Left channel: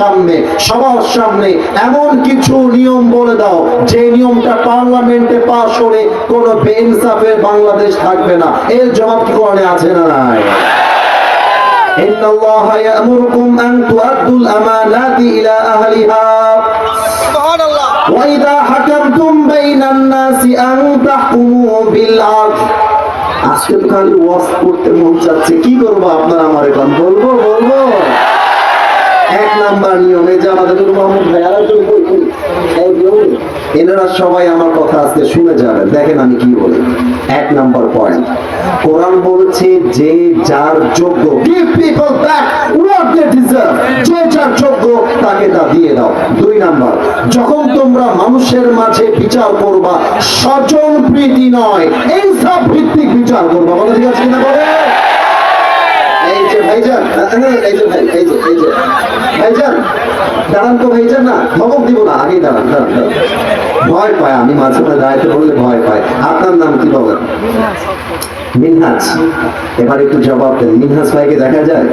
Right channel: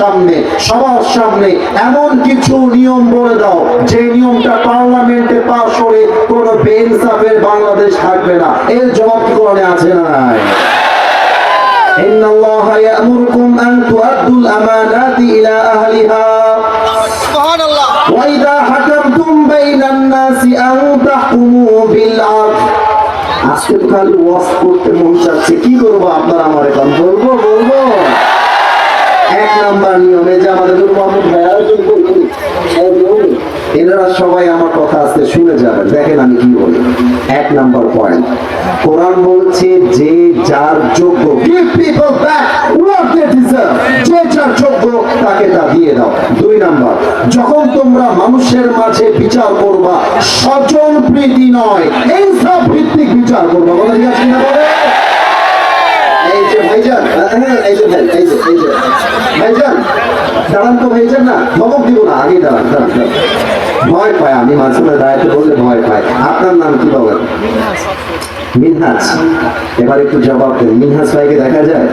সামনে, সবার সামনে এমন কিছু নিয়ম বলে দাও যে নিয়মটা পার্লামেন্টে পাস করে কোনো বেইনসাফের বাংলাদেশ থাকবে না। এর জবাব কোরআনে আছে না নাই? إن الله يأمركم أن تؤدوا الأمانات إلى أهلها وإذا حكمتم بين الناس أن تحكموا بالعدل। আজকে তো খালি ওয়াজ করতে মন চাচ্ছে, কি করবো আপনার আমার এখন বলবো এক নাম্বার নিয়মে যে আমাদের মোহাম্মদ ভাইয়া এনারা সবাই আমার কথা আজকে শুনে যাবেন। দেখেন আমি কি বলি। এক নাম্বার পয়েন্ট, কোরআন বলছে যে যার যোগ্য, give people back what they deserve, যে যার যোগ্য তাকে তা দিয়ে দাও। দুই নাম্বার, যখন তোমরা মানুষের মাঝে বিচার করবা স্বজন প্রীতি নয় ইনসাফ ভিত্তিক বিচার করবা। বলা ঠিক আছে না? বলে এই যে ভাইজান, এই যে ভাইজান দাঁড়ান তো ভাইজান, না ধমক দিব না, আগে দাঁড়ান। ভয় পায়, আমি মাঝে মাঝে দাঁড়াতে বললে ভয় পায়। আপনার নাম কি বলেন? মিনহাজ। এবার একটু জবাব দেন, মিনহাজ ভাইকে দেখা যায়?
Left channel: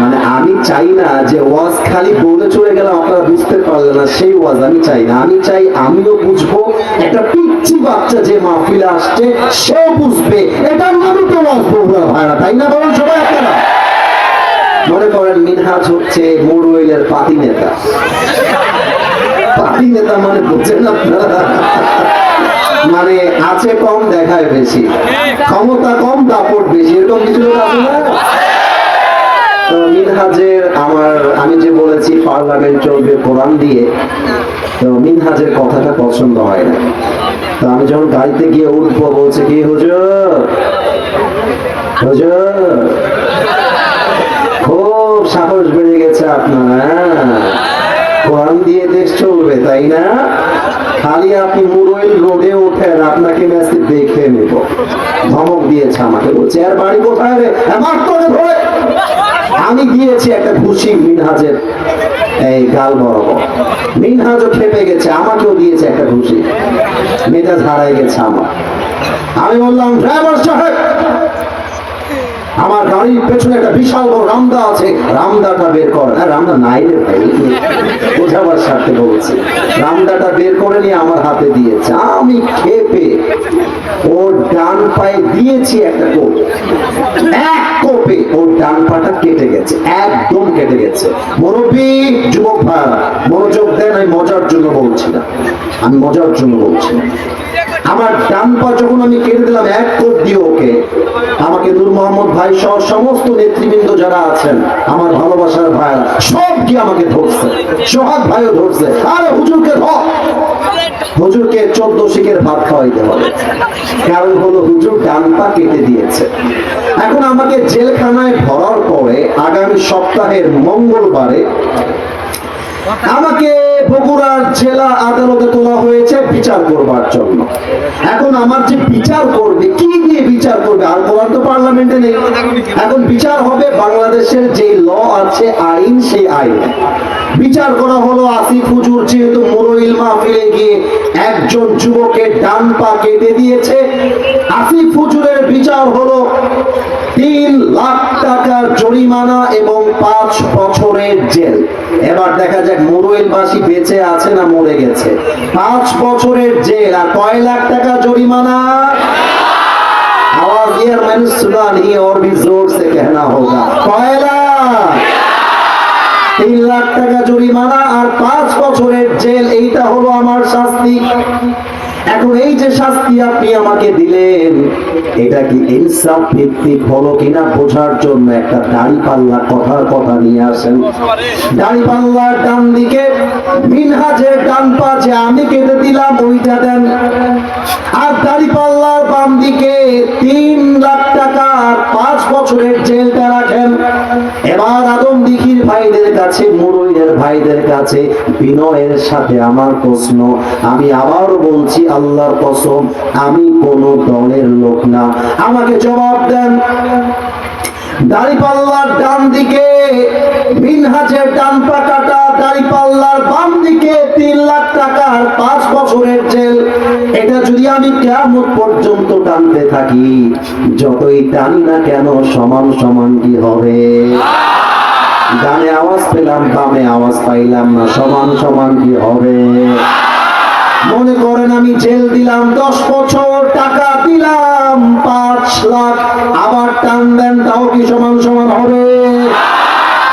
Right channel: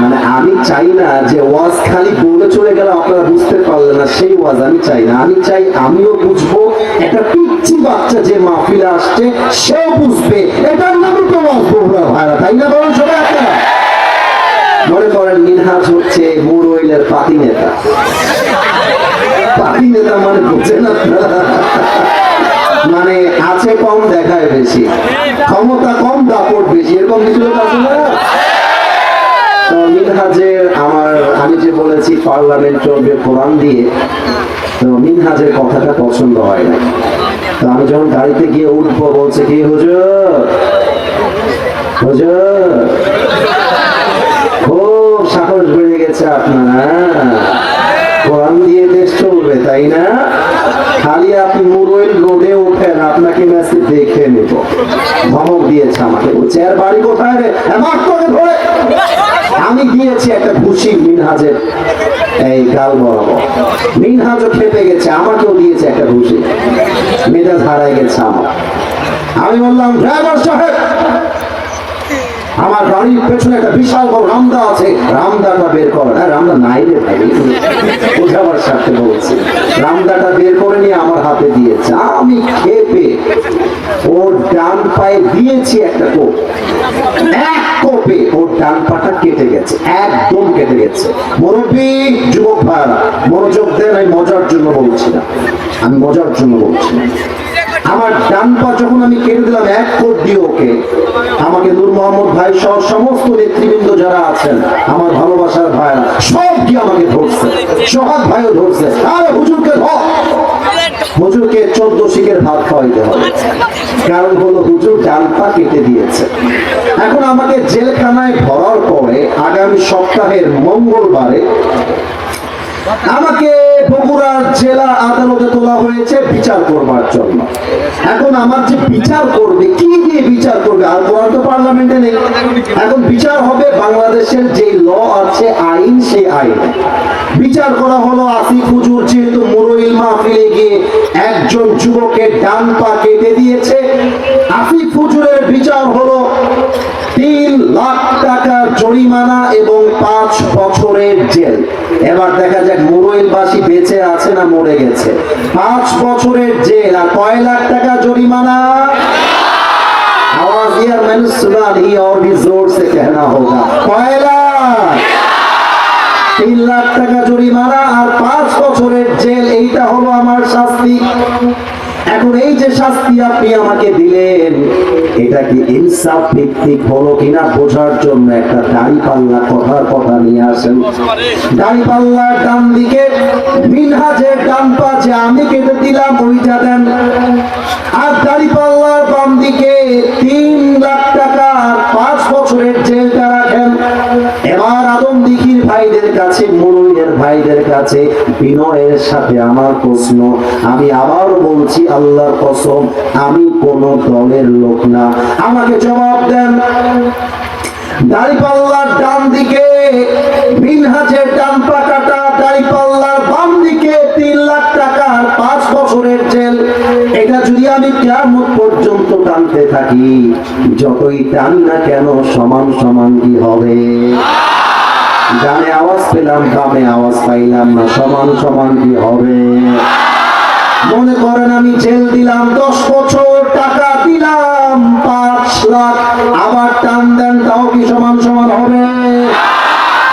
মানে আমি চাই না যে ওয়াজ খালি বলে চলে গেলাম আপনারা বুঝতে পারলেন না, সেই ওয়াজ আমি চাই না। আমি চাই আমিও বুঝবো, একটা পিচ্ছি বাচ্চা যে মাহফিলে আসছে সেও বুঝবে, এটার নামই তো ওয়াজ বলবো ভাইরা, তাই না? বলুন সবাই আপনারা। মনে করেন মিনহাজ হচ্ছে মুরওয়েলের পার্টি নেতা। পার্টি নেতা মানে বুঝছেন আপনারা? মানে আছে কম দেখায় বেশি, ক্ষমতা কম দাপট বেশি, এরকম কিছু লোক আছে না? তো মিনহাজের আমি যে বলেছি পার্লামেন্ট চলবে কোরআন দিয়ে, তো মিনহাজের কথাটা পছন্দ হয় না। তো আমি যখন গাড়িতে গিয়ে উঠবো বলছে কি হুজুর খুব সাহস বেড়ে গেছে আপনার, কোরআন দিয়ে দেশ চলবে তাই না? খালি আপনি মুরওয়েল রোডে ওঠেন, আপনাকে মেসেজ দেখে নেব। ধমক দিয়েছে আমাকে, বলছে আর বাড়ি কোথায় রে, ধরে আমি দিয়েছি একটা ঘুষি মিনহাজের এই গাল বরাবর। মিনহাজও খেপে গেছে, আমাকেও দিয়েছে একটা ঘুষি, মেজাজ হারাই গেছে আমার। আমি বললাম ড্রাইভার সাহেব, আমার গাড়ির পেছনে একটা বিশাল বড় রামদা আছে, রামদাটা বের করেন। রামদা নাই রে ভাই, বোঝাবার সাথে বলছি। রামদাটা বের করে নিয়ে আমার হাতে দিয়েছে। আমি খেপে ওর ডান পায়ে দিয়েছি একটা কোপ, এক কোপে ওর ডান পাটা কেটে গেছে, একদম কেটে গেছে। মুরব্বী যুবক ভাইরা মনোযোগ দেন, আমি মজার জন্য বলছি না, আমি মজার জন্য বলছি না। আমার ডান পা যখন আমি কেটে দিলাম এক কোপ দিয়ে ওকে, আমাকে নূর মোহাম্মদ ভাই সহ সমস্ত নেতৃবৃন্দ যারা আছেন, আমার ভালোবাসার ভাইরা সব কি আমাকে ধরছে, সোহাগ ভাইও ধরছে। আর হুজুরকে ধর, হুজুরকে 14 শিকের ভাত খাওয়াইতে হবে, কারণ হলো হুজুর ডান পা কেটে দিয়েছে। এখন আমাকে জেলখানায় ভরার পরে আগামী সপ্তাহের মঙ্গলবারে আমাকে বগুড়ার জেলা আদালতে তোলা হয়েছে বিচার করবার জন্য। এখন আমার যে বিচার করবে, কি দিয়ে বিচার করবে? আর কোরআন তো পার্লামেন্টে নেই। এখন বিচার হবে বাংলাদেশের যে ল আছে, আইন, সেই আইন বিচার করা হলো। আসিফ হুজুর যেহেতু মুরওয়েল মাহফিলে গিয়ে একজন যুবকের ডান পা কেটে দিয়েছে, আসিফ হুজুরের বিচার হলো 3 লাখ টাকার জরিমানা এবং 5 বছরের জেল। এবার দেখা যাক মুরওয়েলবাসী বেঁচে আছে না মরে গেছে। 5 বছরের জেল আর কয় লাখ টাকা জরিমানা? आवाज यार मैंने सुना नहीं और भी जोर से कहना होगा। কয় লাখ? 3 লাখ টাকা জরিমানা আর 5 বছরের জেল, এইটা হলো আমার শাস্তি। এখন এই যে শাস্তি আপনি আমাকে দিলেন, এটা কি ইনসাফ ভিত্তিক হলো কিনা বোঝার জন্য একটা দাঁড়িপাল্লা কথা নিয়ে আসেন। দাঁড়িপাল্লার ডান দিকে মিনহাজের ডান পা যে আমি কেটে দিলাম ওইটা দেন, আর দাঁড়িপাল্লার বাম দিকে 3 লাখ টাকা 5 বছরের জেলটা রাখেন। এবার আদম দিঘির ভাইদের কাছে, মুরুইয়ের ভাইদের কাছে বিনয়ের সাথে আমার প্রশ্ন, আমি আবার বলছি আল্লাহর কসম, আমি কোন দলের লোক না, আমাকে জবাব দেন। দাঁড়িপাল্লার ডান দিকে মিনহাজের ডান পা কাটা, দাঁড়িপাল্লার বাম দিকে 3 লাখ টাকার 5 বছরের জেল। এটা যদি আমি কিয়ামত পর্যন্ত টানতে থাকি, যতই টানি না কেন সমান সমান কি হবে? ডানে আওয়াজ পেলাম, বামে আওয়াজ পাইলাম না, সমান সমান কি হবে? মনে করেন আমি জেল দিলাম 10 বছর, টাকা দিলাম 5 লাখ, আবার টান দেন, তাও কি সমান সমান হবে?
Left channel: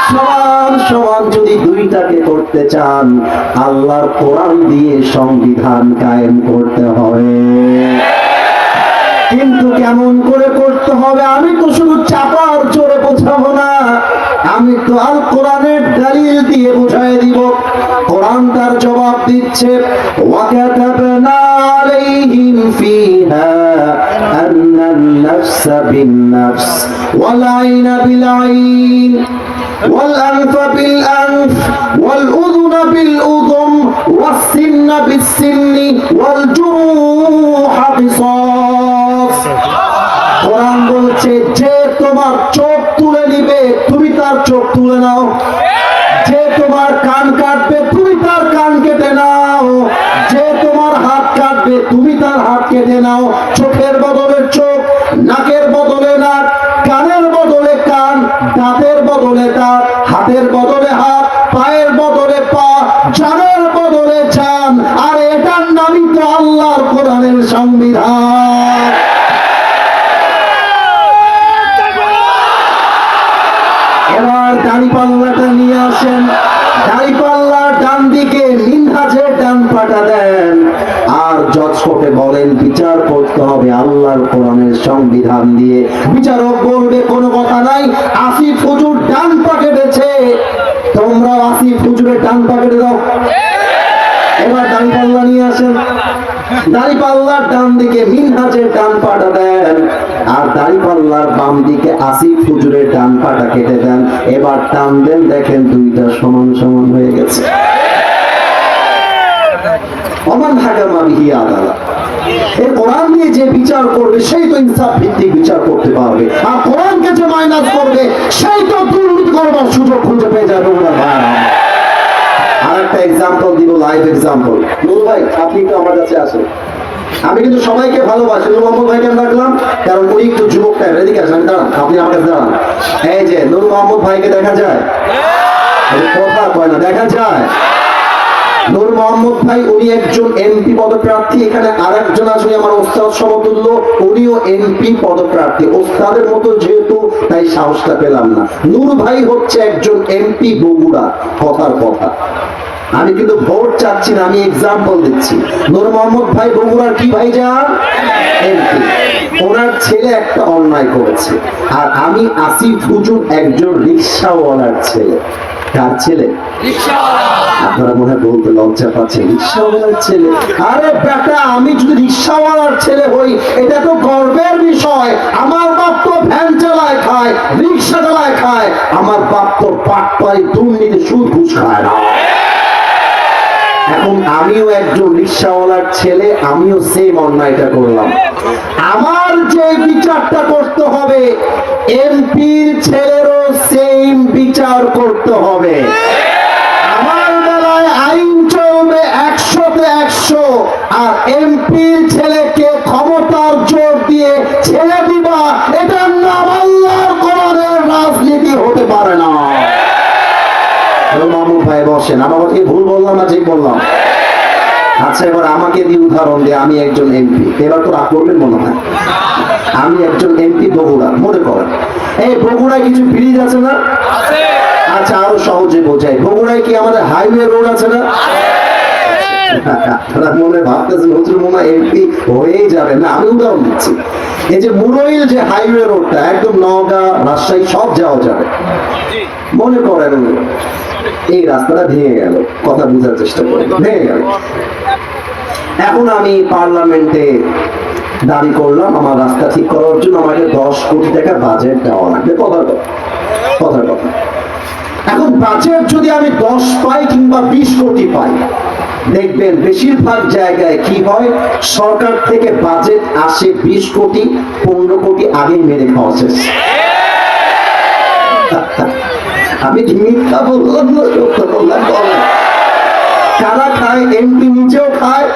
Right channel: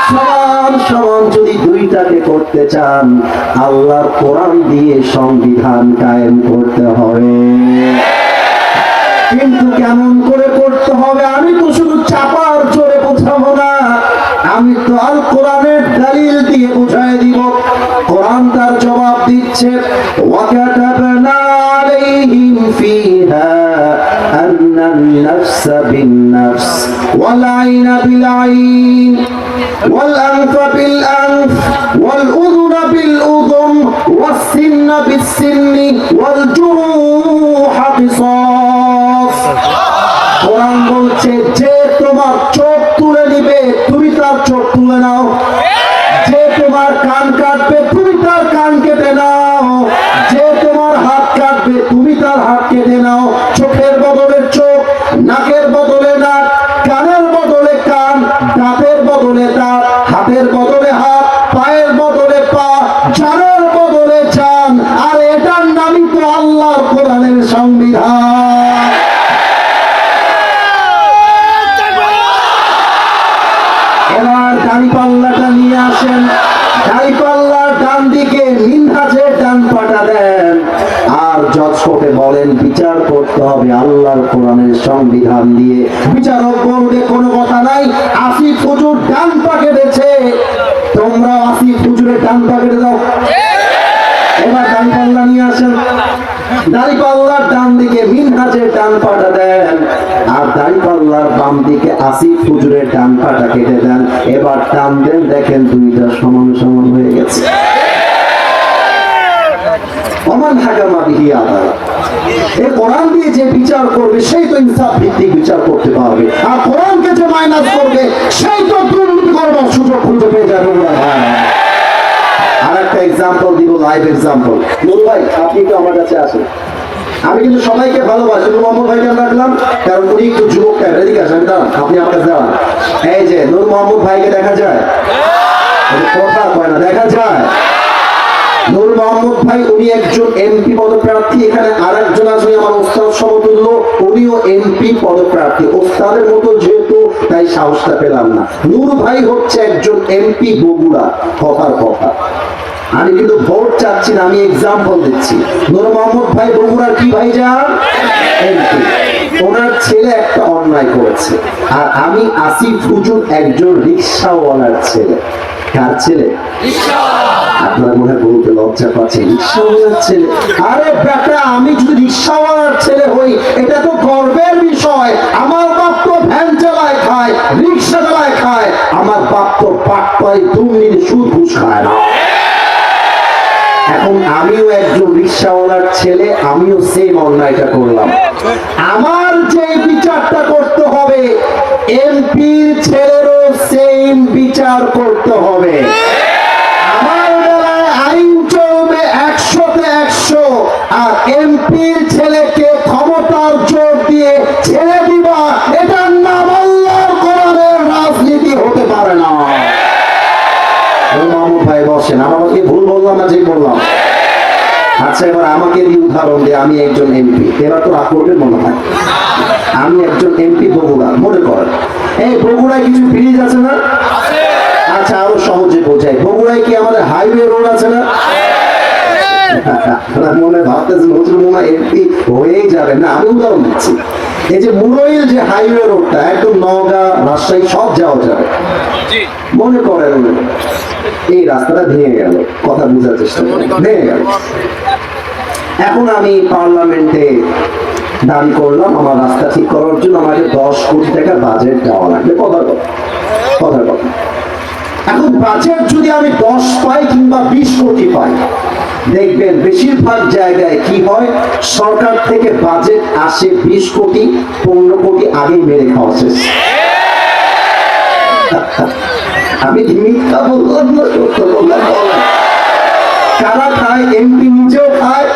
সমান সমান যদি দুইটাকে করতে চান, আল্লাহর কোরআন দিয়ে সংবিধান কায়েম করতে হবে। কিন্তু কেমন করে করতে হবে? আমি তো শুধু চাপার জোরে বোঝাবো না, আমি তো আল কোরআনের দলিল দিয়ে বুঝাই দিব। কোরআন তার জবাব দিচ্ছে, ওয়াকাতাবনা আলাইহিম ফিহা আন্নান নাফসা বিন নাফস ওয়াল আইনা বিল আইন ওয়াল আনফা বিল আনফ ওয়াল উযুনা বিল উযুন ওয়াস সিন্না বিস সিন্নি ওয়াল জুরুহা কিসাস। কোরআন বলছে, যে তোমার চোখ তুলে নিবে তুমি তার চোখ তুলে নাও, যে তোমার কান কাটবে তুমি তার কান কেটে নাও, যে তোমার হাত কাটবে তুমি তার হাত কেটে নাও। চোখের বদলে চোখ, নাকের বদলে নাক, কানের বদলে কান, দাঁতের বদলে দাঁত, হাতের বদলে হাত, পায়ের বদলে পা, জানের বদলে জান। আর এটার নামই তো আল্লাহর কোরআনের সংবিধান। এবার দাড়িপাল্লাটা নিয়ে আসেন, দাড়িপাল্লার ডান দিকে মিনহাজের ডান পাটা দেন, আর জজ কোর্টে বলেন বিচার করতে হবে আল্লাহর কোরআনের সংবিধান দিয়ে। বিচারক বলবে কোনো কথা নাই, আসিফ হুজুর ডান পা কেটেছে, তোমরা আসিফ হুজুরের ডান পা কেটে দাও। এবার দাড়িপাল্লা নিয়ে আসেন, দাড়িপাল্লার ডান দিকে মিনহাজের ডান পাটা দেন, আর দাড়িপাল্লার বাম দিকে আসিফ হুজুরের ডান পাটা কেটে দেন। এবার টান দেন, দেখেন দুইটা সমান সমান হয়ে গেছে। ওমান হাকামা বিহি আদালত। এই কোরআন দিয়ে যে বিচার করবে সেই তো ইনসাফ ভিত্তিক বিচার করতে পারবে, আর কোরআনকে যে মাইনাস করবে সেই তো দুর্নীতি করবার সুযোগ খুঁজে পেয়ে যাবে। আর একটা এক্সাম্পল দিব, লাইভ এক্সাম্পল। নুরু ভাই, আপনি তো আমার কাছে আসেন, আমি কিন্তু সবাইকে ভালোবাসি। নূর মোহাম্মদ ভাইকে রাখলাম কারণ উনি একটু যুবক টাইপ। এদিকে আসেন, দাঁড়ান, আপনি আমার কাছে দাঁড়ান। এই যে নূর মোহাম্মদ ভাইকে দেখা যায়, কথা কয় না, দেখা যায়। নূর মোহাম্মদ ভাই উনি একজন এমপি পদপ্রার্থী, এখানে আর একজন আছে আমার ওস্তাদ সমতুল্য, উনিও এমপি পদপ্রার্থী। ওস্তাদের মতো যেহেতু, তাই সাহসটা পেলাম না। নূর ভাই হচ্ছে একজন এমপি বগুড়া, কথার কথা। আমি কিন্তু ভোট চাচ্ছি না, আমি এক্সাম্পল দিচ্ছি। নূর মোহাম্মদ ভাই বগুড়ার কি ভাই যান এমপি, ওনার ছেলে একটা অন্যায় করেছে, আর আমি আসিফ হুজুর একজন রিক্সাওয়ালার ছেলে। কার ছেলে? আপনারা মনে হয় বলতে লজ্জা পাচ্ছেন, রিক্সাওয়ালার ছেলে। আরে বেটা, আমি যদি রিক্সাওয়ালার ছেলে হই এটা তো গর্বের বিষয়। আমার বাপ তো ভ্যান চালায় খায়, রিক্সা চালায় খায়, আমার বাপ তো পাটপাই দুর্নীতি সুদ ঘুষ খায় না। এখন আমিও একজন রিক্সাওয়ালার ছেলে, আমিও সেম অন্যায়টা করলাম। আমার যে বিচারটা করতে হবে, এমপির ছেলেরও সেম বিচার করতে হবে। আমার বেলায় আইন চলবে 100-তে 100, আর এমপির ছেলেকে ক্ষমতার জোর দিয়ে ছেড়ে দিবা, এটার নাম আল্লাহর কোরআনের রাজনীতি হতে পারে না। মামু ভাই বসেন, আমাকে ভুল বললাম না ঠিক বললাম? আচ্ছা, এবার আমাকে দিয়ে উদাহরণ দিয়ে, আমি একজন এমপি, এবার তো রাগ করবেন মনে হয়। আমি একজন এমপি বগুড়া, মনে করেন এই বগুড়ায় কিছু ব্রিজ আছে না? আচ্ছা, আরো সহজে বোঝাই, বগুড়ায় কি আমাদের হাইওয়ে রোড আছে না? মনে ভাবতেছেন হুজুর মনে হয় এমপি হয়েই যাবে না, আমি উদাহরণ দিচ্ছি। এই যে মুরইল যে হাইওয়ে রোডটা একদম নওগাঁ রাজশাহী সব যাওয়া যাবে, মনে করেন এই রাস্তাটা ভেঙে গেল, কথা বোঝার চেষ্টা করুন, ভেঙে গেল। এখন আমি পার্লামেন্টে দাবি করলাম আমার রাস্তা ঠিক করার জন্য আমাকে 10 কোটি টাকা বাজেট দেওয়া লাগবে, কথার কথা, কথার কথা। এখন বাজেট যদি আমি 10 পাই কিংবা 20 কোটি পাই, দেখবেন বেশিরভাগ জায়গায় কি হয়, সরকার থেকে বাজেট আসে 20 কোটি 15 কোটি আগেই মেরে খাওয়া শেষ। আমি মিথ্যা বললাম না, সত্য বললাম। কারা খায়? এমপি নিজেও খায়,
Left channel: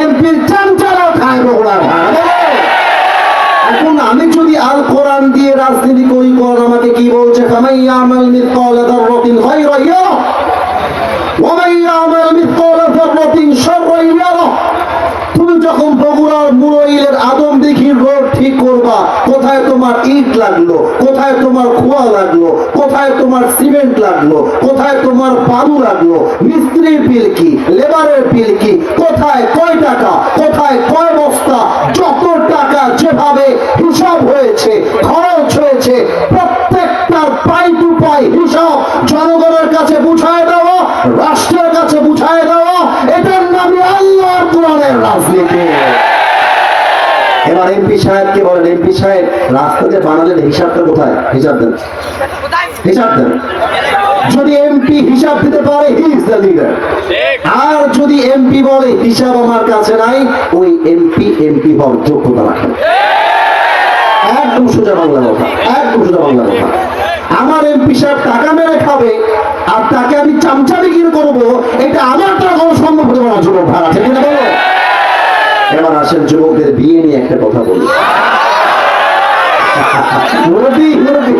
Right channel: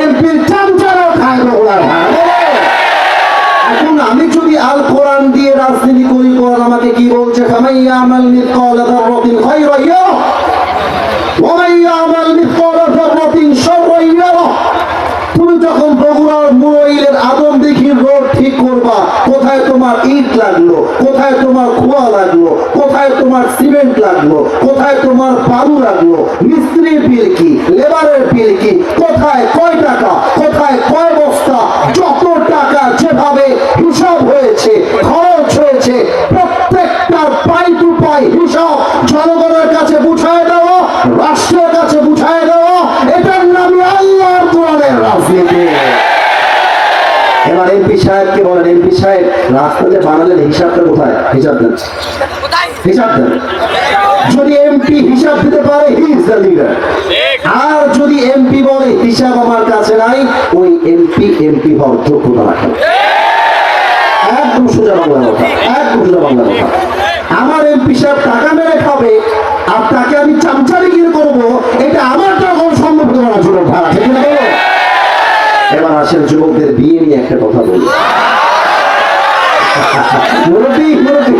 এমপির চামচারাও খায়, বগুড়ার। এখন আমি যদি আল কোরআন দিয়ে রাজনীতি করি, কোরআন আমাকে কি বলছে? ফামাইয়ামাল মিসকালা যাররাতিন যাররাতিন খায়রান ইয়ারা ওয়া মান ইয়া'মাল মিসকালা যাররাতিন শাররান ইয়ারা। তুমি যখন বগুড়ার মুরাইলের আদম দিঘির রোড ঠিক করবা, কোথায় তোমার ইট লাগলো, কোথায় তোমার খোয়া লাগলো, কোথায় তোমার সিমেন্ট লাগলো, কোথায় তোমার বালু লাগলো, মিস্ত্রির বিল কি, লেবারের বিল কি, কোথায় কয় টাকা, কোথায় কয় বস্তা, যত টাকা যেভাবে হিসাব হয়েছে, খরচ হয়েছে, প্রত্যেকটার পাই টু পাই হিসাব জনগণের কাছে বুঝায় দেওয়া, রাষ্ট্রের কাছে বুঝায় দেওয়া, এটার নামে আল্লাহর কোরআনের রাজনীতি। এবার এমপি সাহেবকে বলেন, এমপি সাহেব রাস্তা যে বানালেন হিসাবটা কোথায়? হিসাব দেন, হিসাব দেন। যদি এমপি হিসাব দিতে পারে হি ইজ দ্য লিডার। আর যদি এমপি বলে হিসাব আমার কাছে নাই, ওই এমপি হওয়ার যোগ্যতা রাখে। একদম সোজা বাংলা কথা, একদম সোজা বাংলা কথা। আমার এমপি সাহেব টাকা মেরে খাবে আর তাকে আমি চামচামি কিনে করবো, এটা আমার তো কোনো সম্ভব হতো না। যুবক ভাড়া ঠিক না বলো? এবার আসেন যুবকদের বিয়ে নিয়ে একটা কথা বলি। মুরব্বী মুরব্বী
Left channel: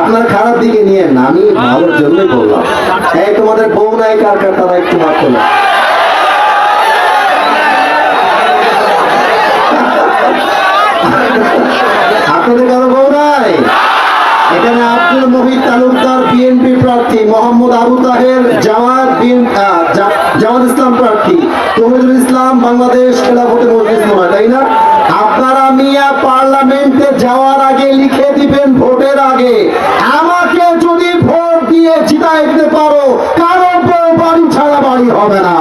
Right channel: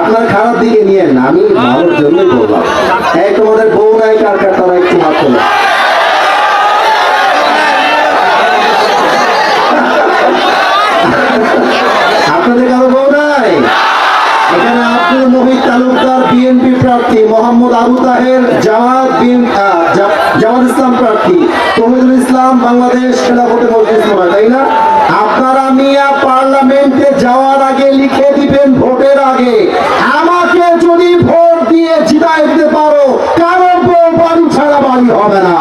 আপনার খারাপ দিকে নিয়ে না, আমি ভালোর জন্যই বললাম। এই তোমাদের বউ নাই কার কার, তারা একটু হাত তোলো। আপনাদের কারো বউ নাই? এখানে আব্দুল মুহিত তালুকদার বিএনপি প্রার্থী, মোহাম্মদ আবু তাহের জামাত ইসলাম প্রার্থী, তৌহিদুল ইসলাম বাংলাদেশ খেলাফতে মজলিস মোড়া, তাই না? আপনারা মিয়া পার্লামেন্টে যাওয়ার আগে লিখে দিবেন ভোটের আগে, আমাকে যদি ভোট দিয়ে জিতাই দিতে পারো, কারো বউ বাড়ি ছাড়া বাড়ি হবে না।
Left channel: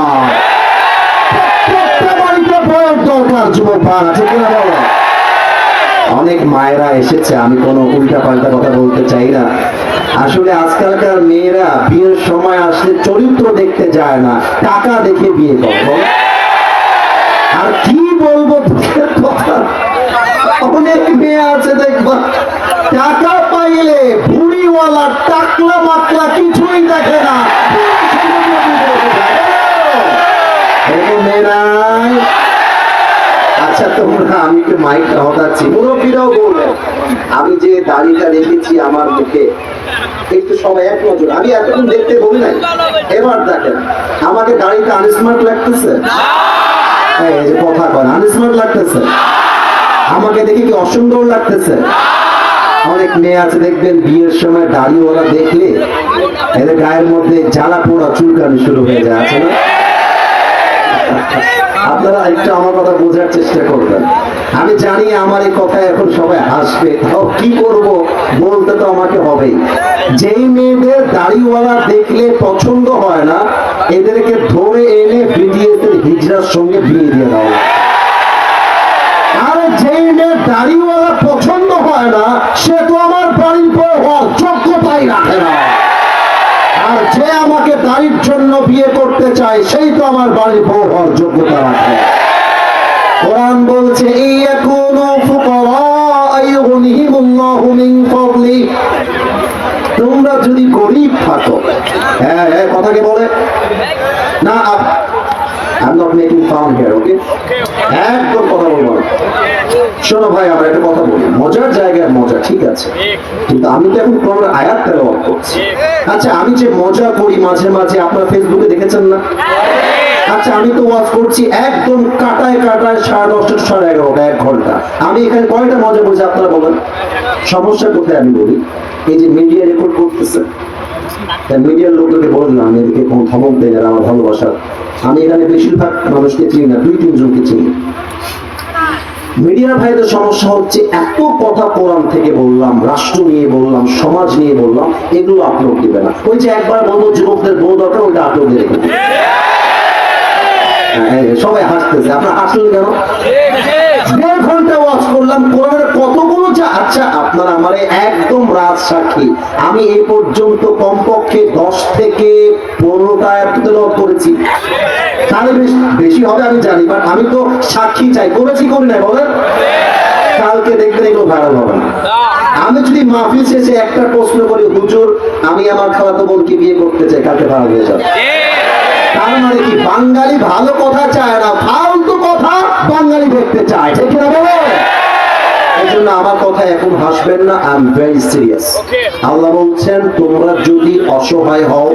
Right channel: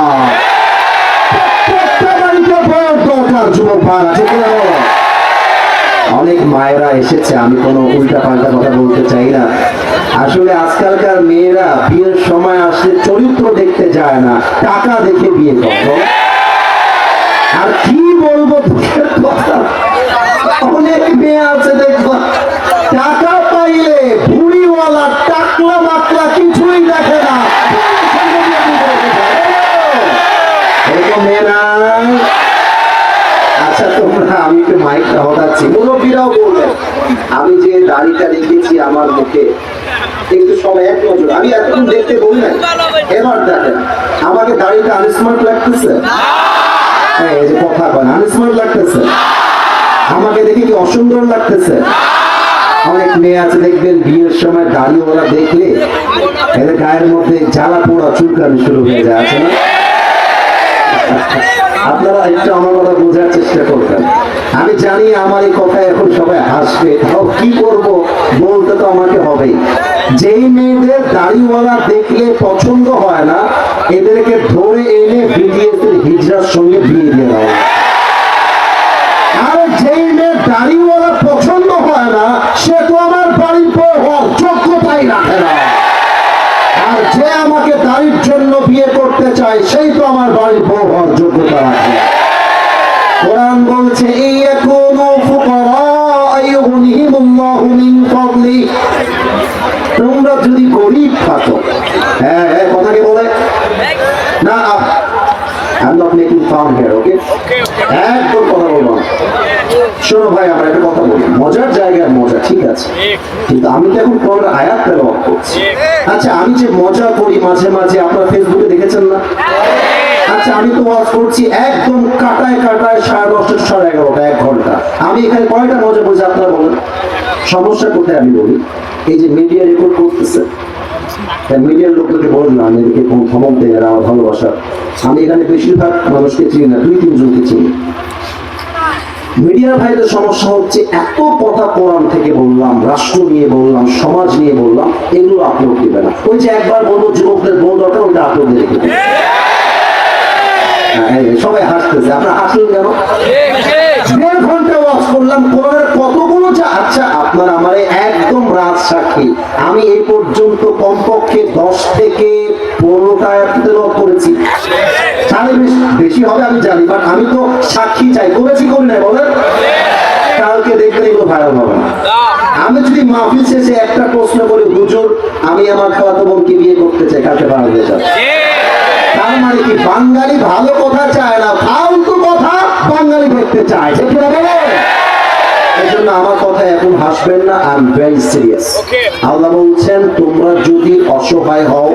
প্রত্যেকটা বাড়িতে ভোট দরকার যুবক ভাড়া ঠিক না বলো? অনেক মায়েরা এসেছে, আমি কোনো উল্টা পাল্টা কথা বলতে চাই না। আসলে আজকালকার মেয়েরা বিয়ের সময় আসলে চরিত্র দেখতে যায় না, টাকা দেখে বিয়ে করে। আর কি বলবো কথা, অনেক মেয়ে আছে দেখবা টাকা পাইলে ভুড়িওয়ালা টাকলা মাকলা কিছুই দেখে না। এরকম মেয়ে নাই? আচ্ছা তোমরা, আমি একটু মাইকটা হটাচ্ছি, মুরব্বীরাও বলবেন। আমি যে দাড়িটা রেখেছি আমার মুখে, একটু সবাই এক নজর, আমি এতক্ষণ দেখতে বলি নাই, এবার দেখেন আমাকে দাড়িটা আনস্মার্ট লাগতেছে? এই যে কথা কয় আনস্মার্ট লাগতেছে? আমাকে দেখে কি অসুন্দর লাগতেছে? অনেক মেয়ে আছে দেখবেন বিয়ের সময় দাড়িওয়ালা দেখলে এদের গায়ের মধ্যে জ্বালা পোড়া চুলকানি শুরু হয়ে যায়, আছে না? আপনারা একটু আমার কথা বোঝার চেষ্টা করবেন। আমি জানি আমার এই কথা এখন সবাই হাসবে, তাও কি করব, বলতে তো আমাকে হবেই। যেই মেয়েদের দাড়িওয়ালা দেখলে পছন্দ হয় না, এদেরকে ধরে এনে বিডিএসের হিজড়ার সঙ্গে বিয়ে দিয়ে দেওয়া। আর যেই মেয়ে দাড়িওয়ালা পছন্দ হয় না, সে তো আমার বাড়ির বউ হওয়ার যোগ্যতাই রাখে না। আর যে আমাকে দাড়ির জন্য বিয়ে করতে চায়, সেই তো আমার বাড়ির বউ হওয়ার যোগ্যতা রাখে। কোরআন বলছে ইয়াকুনু ফুকারা আইয়ুগনিহিমুল্লাহু মিন ফাদলি। তোমরা যদি গরীব থাকো, হ্যাঁ কথাকে বলে না, I'm not making fun here, okay? একদম কথা বলবো না। শোনো ভাই, আমার একটা কথা বলি, মজার জায়গায় মজা ঠিক আছে, কিন্তু আমি তো এখন কোন আয়াত তেলাওয়াত করছি। আচ্ছা আমি যে মজা করি মাঝে মাঝে, আপনারা ফেসবুকে দেখেছেন না? আচ্ছা আমি তো ওয়াজ করছি একদম কাটায় কাটায় 10:30 11:30 1 ঘন্টা। আমি এখানে কয়টা মজা বলছি আপনারা বলেন? সমস্যা কোথায় আমি বলি, এই যে মিডিয়া রেকর্ড করতেছে, মিডিয়ার লোকদেরকে বললাম এদেরকে কোন ক্ষমতা দেয়, এরা আমার ভালোবাসা। আমি এখানে বেশিরভাগ মানুষকে চিনি না, 2-3 জনকে চিনি। মিডিয়ার ভাইদের সমস্যা হচ্ছে এত কথা কোরআন থেকে বললাম, রাষ্ট্র নিয়ে বললাম, সমাজ নিয়ে বললাম, এগুলো আপলোড দিবে না। ওই যে একবার বলবো যুবকদের বউ দরকার, ওইটা আপলোড দিয়ে রেখে দেবে। সবাই হাসতেছে, আপনার হাসলেন কেন? 1.5 ঘন্টা ওয়াজ করলাম, কোরআনের কতগুলো যা। আচ্ছা আপনারা আমার একদম রাজ সাক্ষী, আমি এই পর্যন্ত কমপক্ষে 10 থেকে 15টা আয়াত তেলাওয়াত করেছি। তাহলে বেশি হবে আমি জানি, বাট আমি তো সাক্ষী চাই, করেছি করি না বলেন? কালকে দেখবেন এগুলো ভাইরাল হবে না। আমি যদি মাহফিল শেষে একটা প্রশ্ন করি, হুজুর আমি আমার খালাতো বোনকে বিয়ে করতে চাই, কালকে ভাইরাল হয়ে যাবে। তার মানে কি, বাঙালি ভালো কথা চায় না, ফালতু কথা বাঙালি দেখতে চায়, ঠিক না বলে? বলছেন না আমার কথা এখন হাসবেন না, আই এম ভেরি সিরিয়াস। আল্লাহ বলছেন তোমরা যদি অসহায় হও,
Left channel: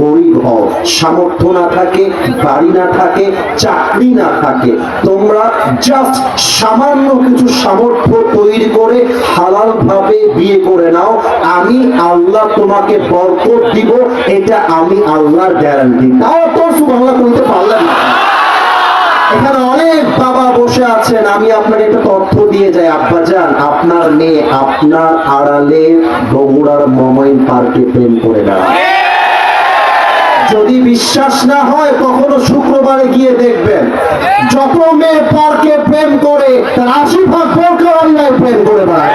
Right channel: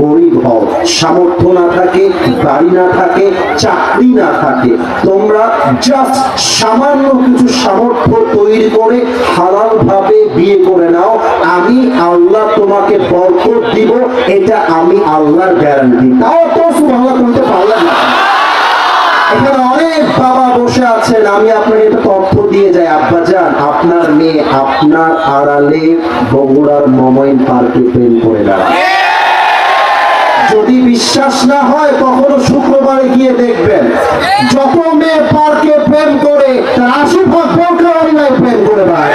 গরিব হও, সামর্থ্য না থাকে, বাড়ি না থাকে, চাকরি না থাকে, তোমরা জাস্ট সামান্য কিছু সামর্থ্য তৈরি করে হালাল ভাবে বিয়ে করে নাও, আমি আল্লাহ তোমাকে বরকত দিব, এটা আমি আল্লাহর গ্যারান্টি। তাও তো সুবহানাল্লাহ বলতে পারলেন না। এখানে অনেক বাবা বসে আছেন, আমি আপনাকে একটা তথ্য দিয়ে যাই আব্বাজান, আপনার মেয়ে আপনার আড়ালে বগুড়ার মোমাইন পার্কে প্রেম করে না। যদি বিশ্বাস না হয় কখনো শুক্রবারে গিয়ে দেখবেন, যত মেয়ে পার্কে প্রেম করে তার 80% বোরকাওয়ালায় প্রেম করে দেয়।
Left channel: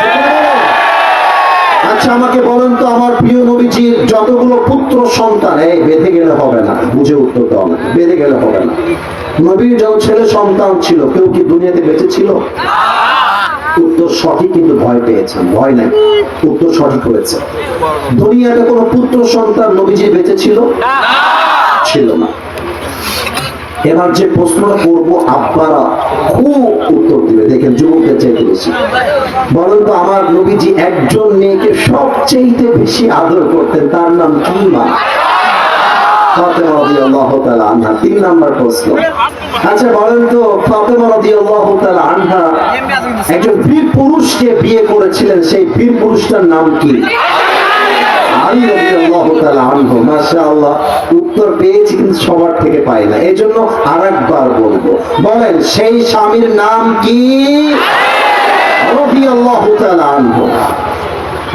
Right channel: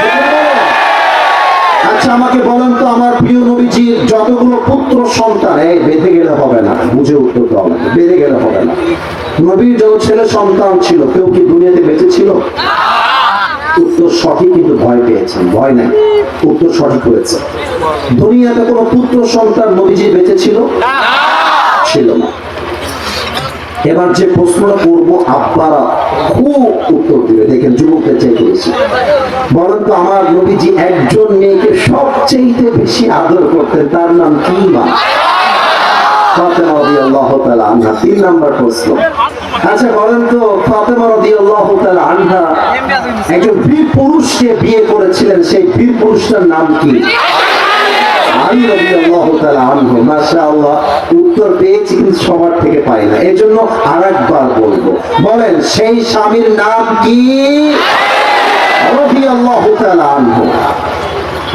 আচ্ছা আমাকে বলেন তো, আমার প্রিয় নবীজির যতগুলো পুত্র সন্তান, এই বেঁধে গেলে হবে না, বুঝে উত্তর দাও না, বেঁধে গেলে হবে না। নবীর যত ছেলে সন্তান ছিল কেউ কি দুনিয়াতে বেঁচে ছিল? উত্তর সঠিক, কিন্তু ভয় পেয়েছেন। ভয় নাই, উত্তর সঠিক হয়েছে। দুনিয়াতে কোনো পুত্র সন্তান নবীজি বেঁচে ছিল? ছিল না। এবার যে প্রশ্নটা করবো আব্বারা খুব উত্তর দিবে, দেখেন যুবকদের চাইতে বেশি। বলেন তো আমার নবীজি একজন মেয়েকে সবচেয়ে বেশি আদর করতেন, তার নাম কি? মা ফাতেমা রাদিয়াল্লাহু তাআলা আনহা। 3 নম্বর প্রশ্ন, আচ্ছা বলেন তো ফাতেমা রাদিয়াল্লাহু তাআলা আনহা একজন বীর পুরুষকে বিয়ে করেছিলেন, সেই বীর পুরুষটার নাম কি? আলী রাদিয়াল্লাহু তাআলা আনহু। মাশাআল্লাহ, উত্তর পেয়েছি কিন্তু সবার থেকে পাই না, এজন্য আরেকবার বলবো। বলেন সেই স্বামীর নাম কি? রাদিয়াল্লাহু তাআলা আনহু।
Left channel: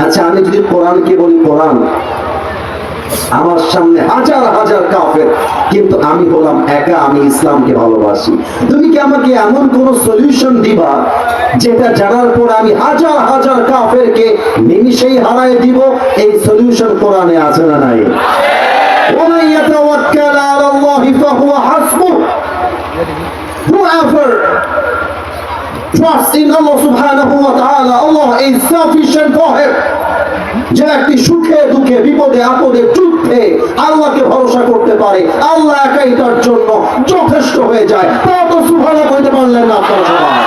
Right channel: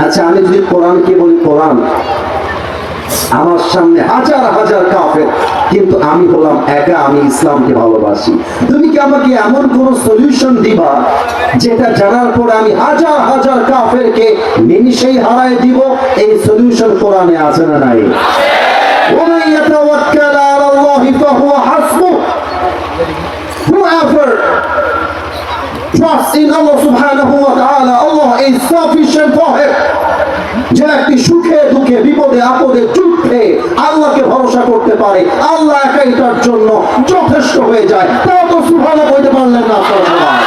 আচ্ছা আমি যদি কোরআনকে বলি, কোরআন আমার সামনে হাজার হাজার কাফের, কিন্তু আমি হলাম একা, আমি ইসলামকে ভালোবাসি। তুমি কি আমাকে এমন কোন সলিউশন দিবা যেটা জানার পর আমি হাজার হাজার কাফেরকে নিমিষেই হারায় দিব? এই সলিউশন কোরআনে আছে না নাই? ওয়া ইয়াতাওয়াক্কাল আলাল্লাহি ফাহুয়া হাসবুহ। Whoever trusts in Allah subhanahu wa ta'ala, Allah is sufficient for him। যে ব্যক্তি সুখে দুঃখে বিপদে আপদে যুদ্ধে আল্লাহকে ভরসা করতে পারে, আল্লাহ একাই তার জন্য যথেষ্ট হয়ে যায়। তাও তো সুবহানাল্লাহ কইতে পারলেন না আপনারা সবাই।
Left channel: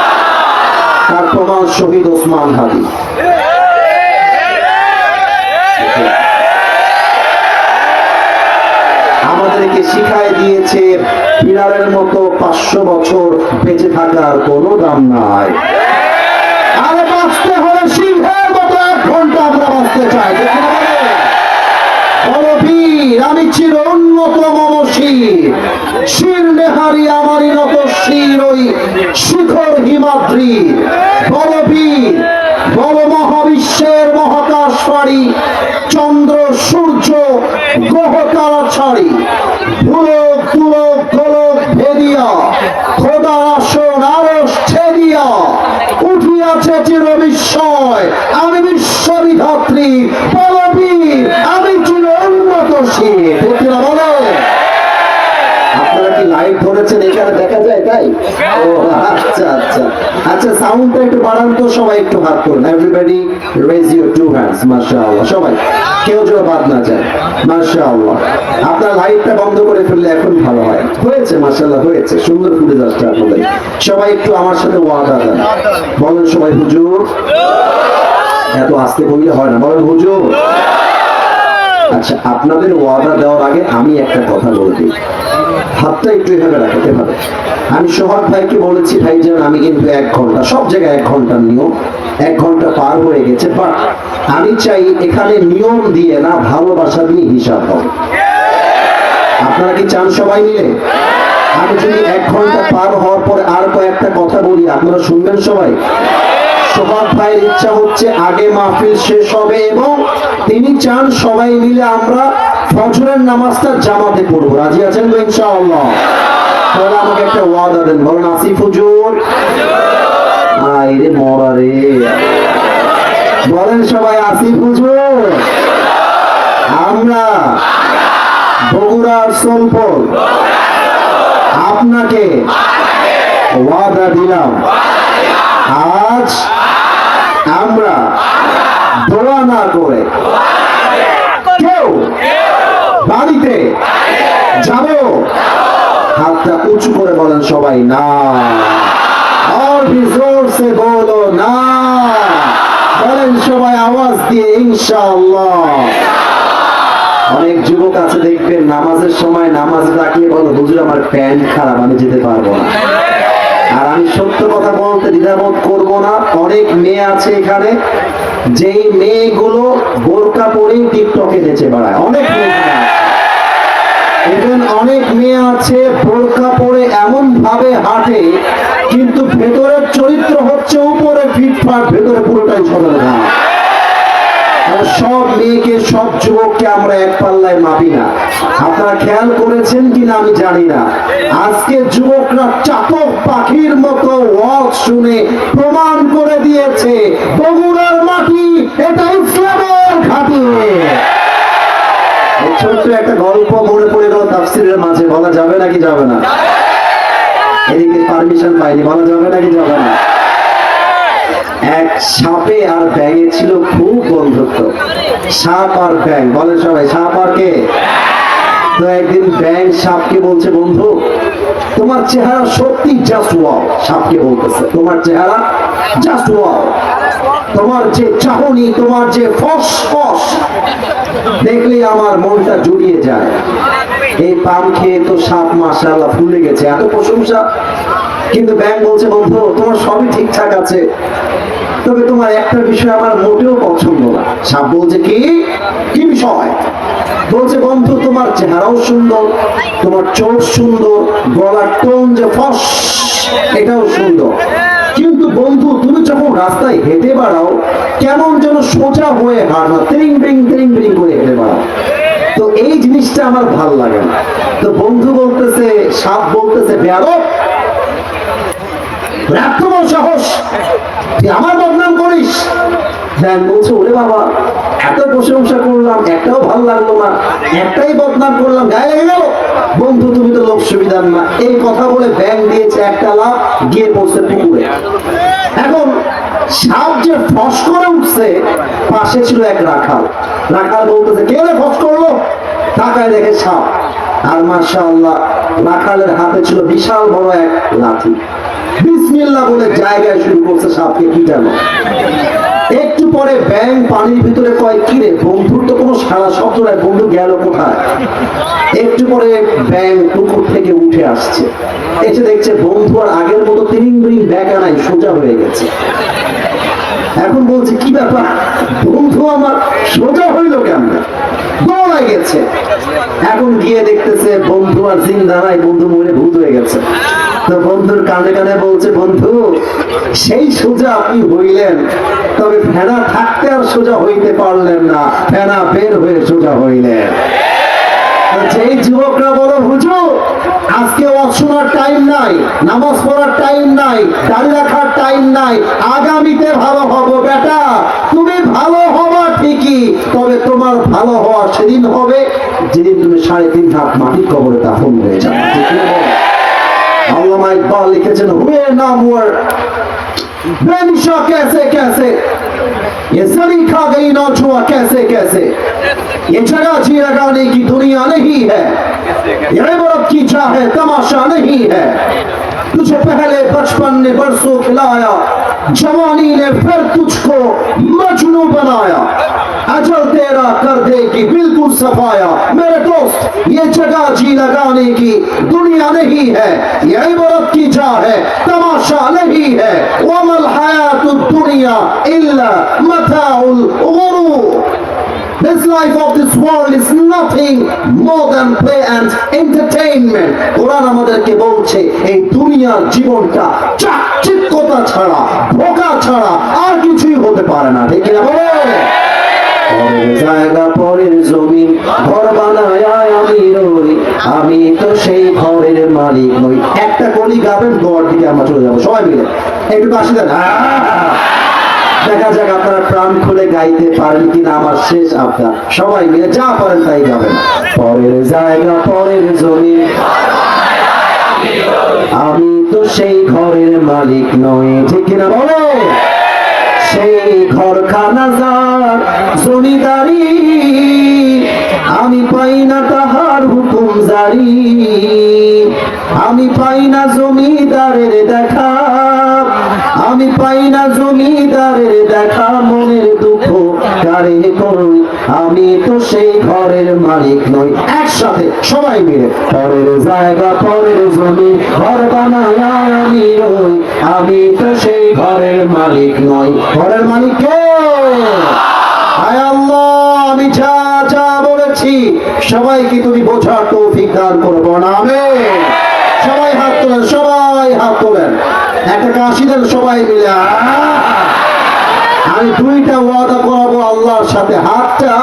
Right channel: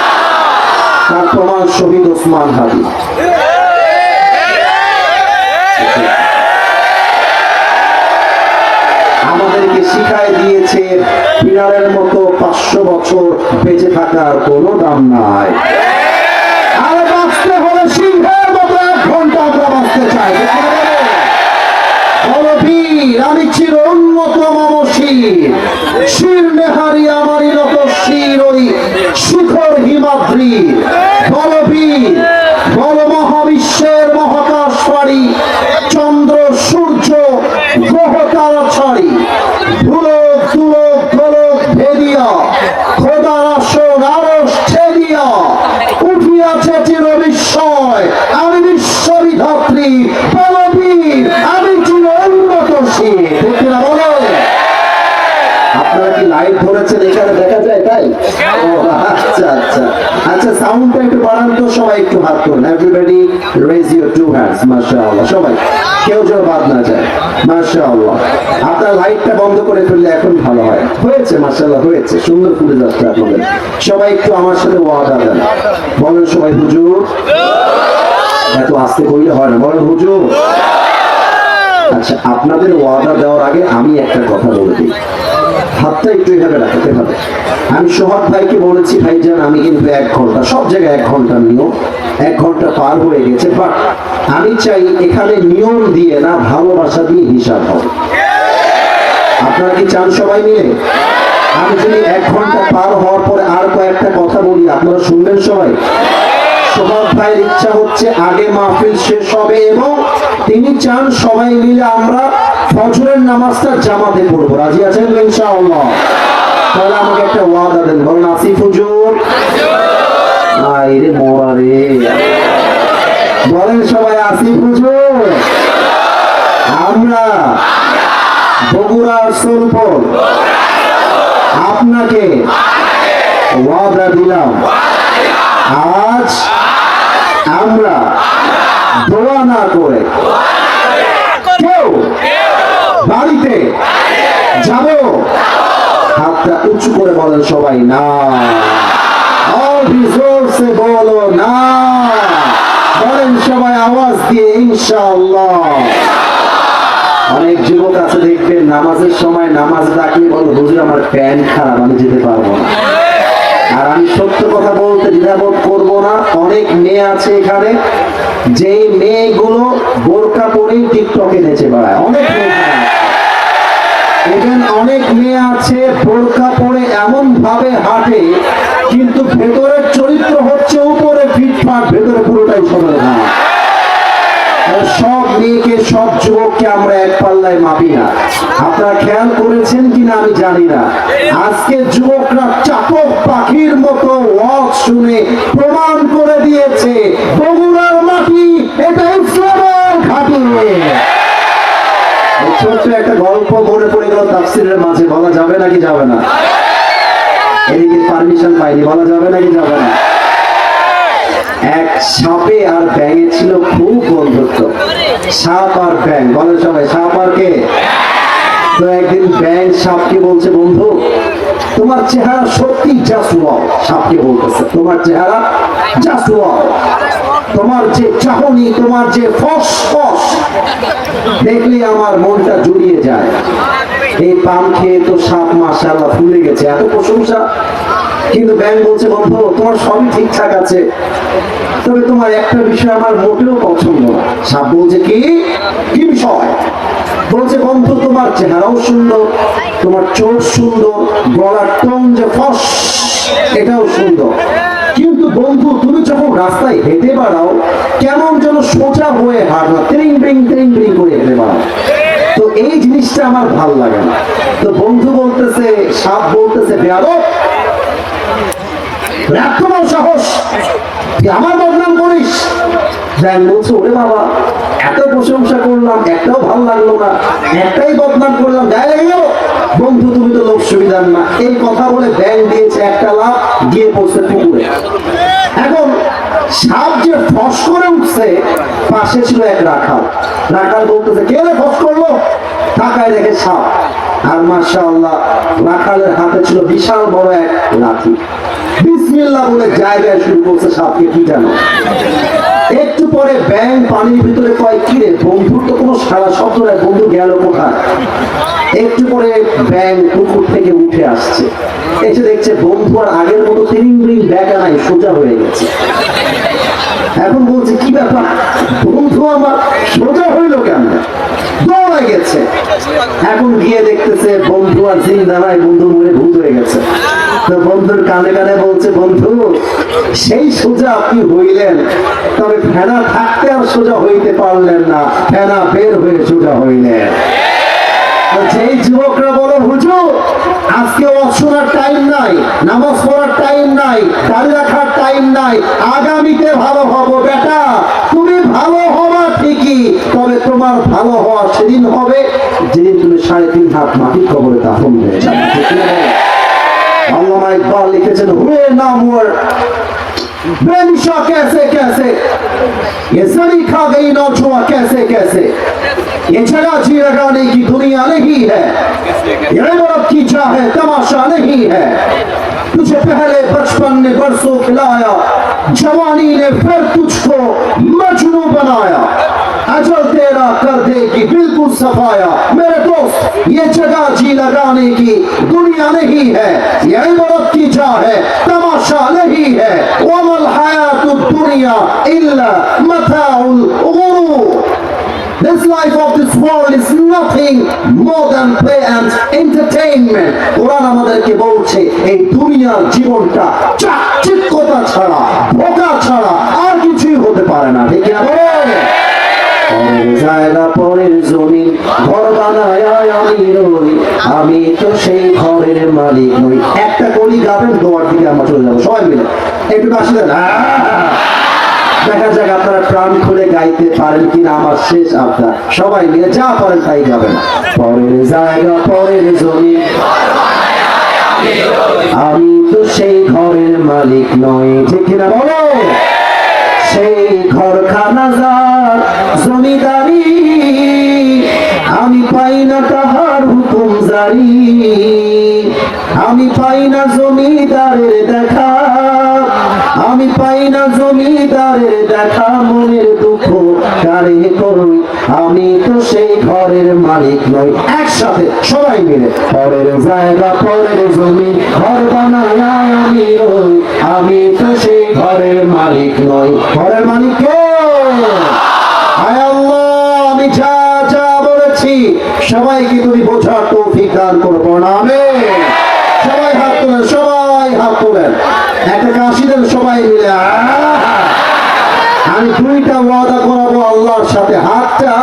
তার প্রমাণ শহীদ ওসমান হাদি। আমাদেরকে শিখায় দিয়েছে বিড়ালের মতো 500 বছর বেঁচে থাকার কোনো দাম নাই। আরে বাঁচতে হলে সিংহের মতো 1 ঘন্টা আমরা বাঁচতে চাই। আমি চির উন্নত মানসির শির নেহারি আমারই নত শির ওই শিখর হিমাদ্রি বলবীর বল মহাবিশ্বের মহাকাশ পাড়ি চন্দ্র সূর্য গ্রহ তারা ছাড়ি ভুলক তুলক গোলক ভেদিয়া খোদার আসন আরশ ছেদিয়া উঠিয়াছে চির বিস্ময় আমি বিশ্ববিধাত্রী বলবীর আমি চির উন্নত শির। বলে আপনারা কি লাইভ ধরেছেন? এখানে দেখা যায় তাই? ও আচ্ছা আচ্ছা আচ্ছা, সাউন্ডটা একটু বাড়ান তো, সবাই একটু হাত তুলুন। Everybody raise your 2 hands. মাশাআল্লাহ, সবাই কেউ যেন বাদ না যায়। মাশাআল্লাহ, আপনার লাইটটা বন্ধ করে ফেললে এখন ভালো হয়। হয়েছে, মাশাআল্লাহ হয়েছে, সুন্দর ফুটে যাচ্ছে আপনাদের। সবাই একটু আমার সাথে ওয়াদা দেন, বলেন সবাই হুজুর। এত আস্তে বললে হয় না, বলেন হুজুর। আচ্ছা আপনাদের ওয়াদা দেওয়ার আগে আমি একটা কথা বলে দিই, হাতটা একটু এভাবে রাখতে হবে। আমি সোহাগ ভাইকে বলেছি ভাইজান আমি কিন্তু 1 ঘন্টা, সব জায়গায় 1 ঘন্টা নিয়ম, 1 ঘন্টা পার হয়ে গেছে, বাট আমি চাই এখানে নিয়ম দিয়ে না ভালোবাসা দিয়ে হিসাব হবে। আপনারা কি চান সবাই মিলে? আমি যদি 1 ঘন্টা পার হওয়ার পরে আর কয়েকটা কথা বলি আপনারা শুনবেন সবাই? সোহাগ ভাইয়ের ইচ্ছা হচ্ছে আগে মাহফিল শেষ হবে এবং তিনি চান সবাই মিলে আমরা ফজরের নামাজটা জামাতে পড়বো। রাজি আছেন তো ইনশাআল্লাহ? তাহলে আমাকে একটা ওয়াদা দেন, বলেন আসিফ হুজুর। আইরে মরা রে, বলেন সবাই আসিফ হুজুর। আমরা বগুড়ার সোলপুর আপনাকে ওয়াদা দিলাম, আজ আমরা দোয়া না করে কেউ বাড়িতে যাব। হাতটা উঁচু করে বলেন সবাই না, আর জোর সে বলো না। বলেন সবাই আওয়াজ দিয়ে ইনশাআল্লাহ। অনেক যুবক আছে দেখবেন নামাজের সময় নামাজ ডাকিয়ে বলো হুজুর আমার প্যান্ট খারাপ আমি যেতে পারবো না। আর আমি সত্য কথা বলতে দ্বিধাবোধ করবো না, অনেক মেয়ে আছে এখানে যেই মেয়েগুলো বোরকা পরেই টিকটকে নেচে বেড়ায়, অনেক মেয়ে এবং অনেক মেয়ে আছে বোরকা পরে এমন ভাবে হাঁটে কিন্তু ভেতরের চরিত্র হচ্ছে উপরে ফিটফাট, ভেতরে পুরোটাই সদা। সব মেয়েকে সব যুবককে আমরা এক পাল্লায় মাপি না। আপনারা খেয়াল করেছেন কিনা আমি জানি না, আজকে যুবকরা চাতক পাখির মতো ওয়াজ শুনে প্রমাণ করে দিয়েছে বগুড়ার মাটি এটা ইসলামের ঘাঁটি। ছোট্ট একটা গল্প মনে পড়ে গেল তাফসীরের মাঝে, বলা যাবে নাকি যাবে না? এদিকে পারমিশন পাইনি, বলা যাবে নাকি যাবে না? এক সাপে আর ব্যাঙে ছিল খুব বন্ধুত্ব। সাপ আর ব্যাঙ, বলে সবাই সাপ আর কে? তো একদিন ব্যাঙ সাপকে বলছে বন্ধু তোমার চেহারা সত্যি জাস্ট ওয়াও। সাপকে বলতেছে তোমার চেহারা জাস্ট ওয়াও, তোমার যে চাহনি, তোমার যে ফস দেখলে আমার মনটা জুড়িয়ে যায়। এই পান খেয়ে তো সাপ মাশাআল্লাহ ফুলে গেছে, এত প্রশংসা। কিন্তু ব্যাঙ বলছে বন্ধু তোমার সবই ঠিকঠাক আছে, তবে তোমার একটা বিষয় আমার মোটেও পছন্দ না। সাপ বলছে কি কি বিষয়? বলছে বন্ধু তোমার চেহারাও সুন্দর, তোমার চোখ সুন্দর, গলার টোন যে ফস এটাও সুন্দর, কিন্তু বন্ধু তুমি যখন রাস্তায় হেঁটে বেড়াও কেমন যেন সোজা হয়ে হাঁটো, ত্রিং ব্রিং করে হেঁটে বেড়াও, তো এই জিনিসটা আমার ভাল লাগে না। তো বন্ধু বলতেছে, সাপ বলতেছে বেয়াদব, তোমার সাহস তুই আমার বদনাম করিস? ব্যাঙ বলছে ওরে বাবা এত প্রশংসা করলাম একটাও ভাল লাগলো না, একটাই বদনাম করলাম গায়ে লেগে গেল। বন্ধু তুমি তো লোক সুবিধার না। এই কথা বলে ব্যাঙ দিয়েছে একটা লাফ, গিয়ে পড়ছে পুকুরে। এখন সাপ যে ফস করে উঠছে, পাশে ছিল এক রাখাল। রাখাল বলতেছে কে রে ফস করলো? তাকায় দেখে সাপ, আর মাশাআল্লাহ রাখালের হাতে ছিল বিশাল বড় এক লাঠি। বিসমিল্লাহ বলে জায়গায় শুরু করছে সাপকে পিটানো। একটু পরে ব্যাঙ পানির ভিতরে কয় কি রে বন্ধুর তো কোনো সারা শব্দ নাই, বন্ধু গেল কোথায়? একটু পরে ব্যাঙ পুকুর থেকে উঠে আসছে, এসে দেখছে বন্ধু আর আগের মতো ত্রিং ব্রিং ব্যাকা নাই, সোজা হয়ে গেছে। এখন বলছে কি ব্যাপার, বন্ধু আমার সোজা হইল কেন? দৌড়ে গেছে। এখন গিয়ে দেখতেছে বন্ধু আর জিন্দা নাই, বন্ধু মরে ভূত হয়ে গেছে। তো বন্ধুর কানে কানে বলছে বন্ধু সেই সোজা আপনি হইলেন, তবে ফেনা থাকতে আর সোজা হইতে পারলেন না, ফেনা বের হয়ে সোজা হইলেন। যেই যুবকরা বলো হুজুর আজকে ওয়াজ শোনার টাইম নাই, নামাজ পড়ার টাইম নাই, দাড়ি রাখার টাইম নাই, আগামীতে ভালো হবো বেটা, তুমি ভালো হবা ঠিকই, তবে তোমার ভালো হওয়া সেদিন হবে যেদিন তুমি 3.5 হাত মাটির কবরে দাফন হয়ে যাবে। ঠিক না? আল্লামা ইকবাল লিখেছেন হুয়ে নাম ওয়ার बेनिशा कैसे कैसे ये सरी खा गई नौछुआ कैसे कैसे, ये जगह जी लगाने की दुनिया नहीं है, ये इबारत की चाहे तमाशा नहीं है, तुझे पहले बचपन ने बरसों खिलाया, जवानी ने फिर तुझको मजनू बनाया, अजल तेरा कर देगी बिल्कुल सफाया, मेरे दोस्त ये जगह जी लगाने की दुनिया नहीं है, ये इबारत की जा है तमाशा नहीं है, वमल हयातुद दुनिया इल्ला मताउल गुरूर। This life of this world is nothing more than play and entertainment. কোরআন আমাদেরকে বলছে এই দুনিয়ার জীবনটা চাকচিক্যতা ছাড়া, ধোঁকা ছাড়া আর কিছুই হতে পারে না। ঠিক না বলে? পরের জায়গা পরের জমিন ঘর বানায় আমি রই, আমি তো সেই ঘরের মালিক নই। একটা কলি গাবেন, গোয়ার দিকে আমরা চলে যাবো সবাই মিলে, একটু পাশে দেন। দেখা যাক আপনারা প্রাণ খুলে গাইতে পারেন কিনা, আমার শেষ আবদার। সবাই মিলে যা পারেন তাই গাবেন। পরের জায়গা পরের জমিন আমি তো সেই ঘরের মালিক নই। ঠিক কিনা বলো? সেই ঘরখানা যার জমিদারি, আমি পাই না তাহার হুকুম জারি, আমি পাই না জমিদারের দেখা, আমি আমি পাই না জমিদারের দেখা, মনের দুঃখ কারে কই, আমি তো সেই ঘরের মালিক নই। একসাথে সবাই মিলে, পরের জায়গা পরের জমি ঘর বানায় আমি রই, আমি তো সেই ঘরের মালিক নই। ঘরের মালিক কে? আয় আল্লাহ, আমি যা যা বলেছি সবাইকে তুমি বোঝার তৌফিক দান করবো না। আমিন। সবাই হাত তোলেন, সবাই হাত তোলেন, একটা কাশি দেন সবাই মিলে। আমি দুইটা ওয়াদা করাবো আল্লাহর সাথে। হাতটা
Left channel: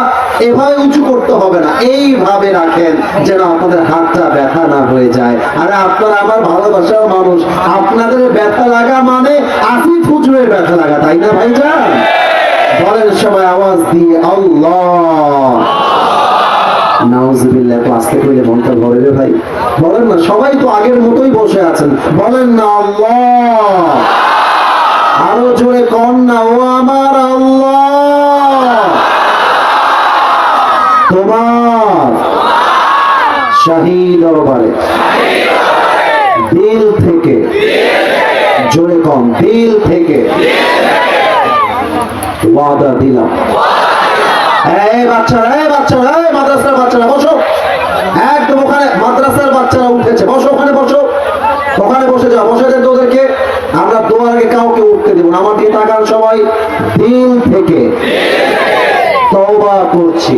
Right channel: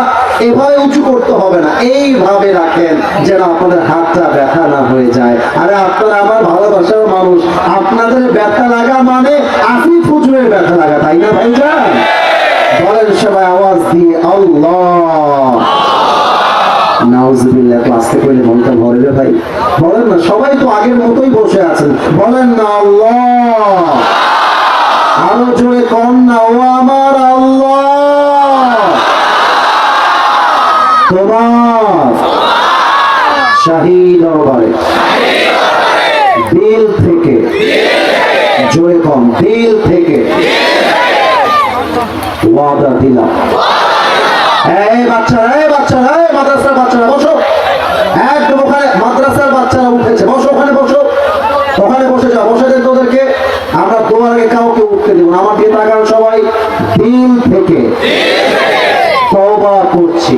এভাবে উঁচু করতে হবে না, এইভাবে রাখেন যেন আপনাদের হাতটা ব্যথা না হয়ে যায়। আরে আপনারা আমার ভালোবাসার মানুষ, আপনাদের ব্যথা লাগা মানে আপনি ফুজুরের ব্যথা লাগা, তাই না ভাইজান? বলেন সবাই আওয়াজ দিয়ে আল্লাহ। নাউজুবিল্লাহ, ক্লাসে কইলে মনটা ভরে রে ভাই। বলেন না, সবাই তো আগের মতোই বসে আছেন, বলেন না আল্লাহ। আরো জোরে কম না, ও আমার আল্লাহ, তোমার শাহী দরবারে দিল থেকে, জোরে কম, দিল থেকে ওয়াদা দিলাম। এই বাচ্চারা, এই বাচ্চারা, এই মাদ্রাসার বাচ্চারা বসো, একদম ওখানে মাদ্রাসার বাচ্চারা উঠেছে, বসো ওখানে, বসো ওখানে, বসে যাও, বসে দেন তোদেরকে। আমরা দোয়ারে কাউকে উঠতে দেব না। আমার দিয়ে তাকান সবাই, দিল থেকে তওবা করছি।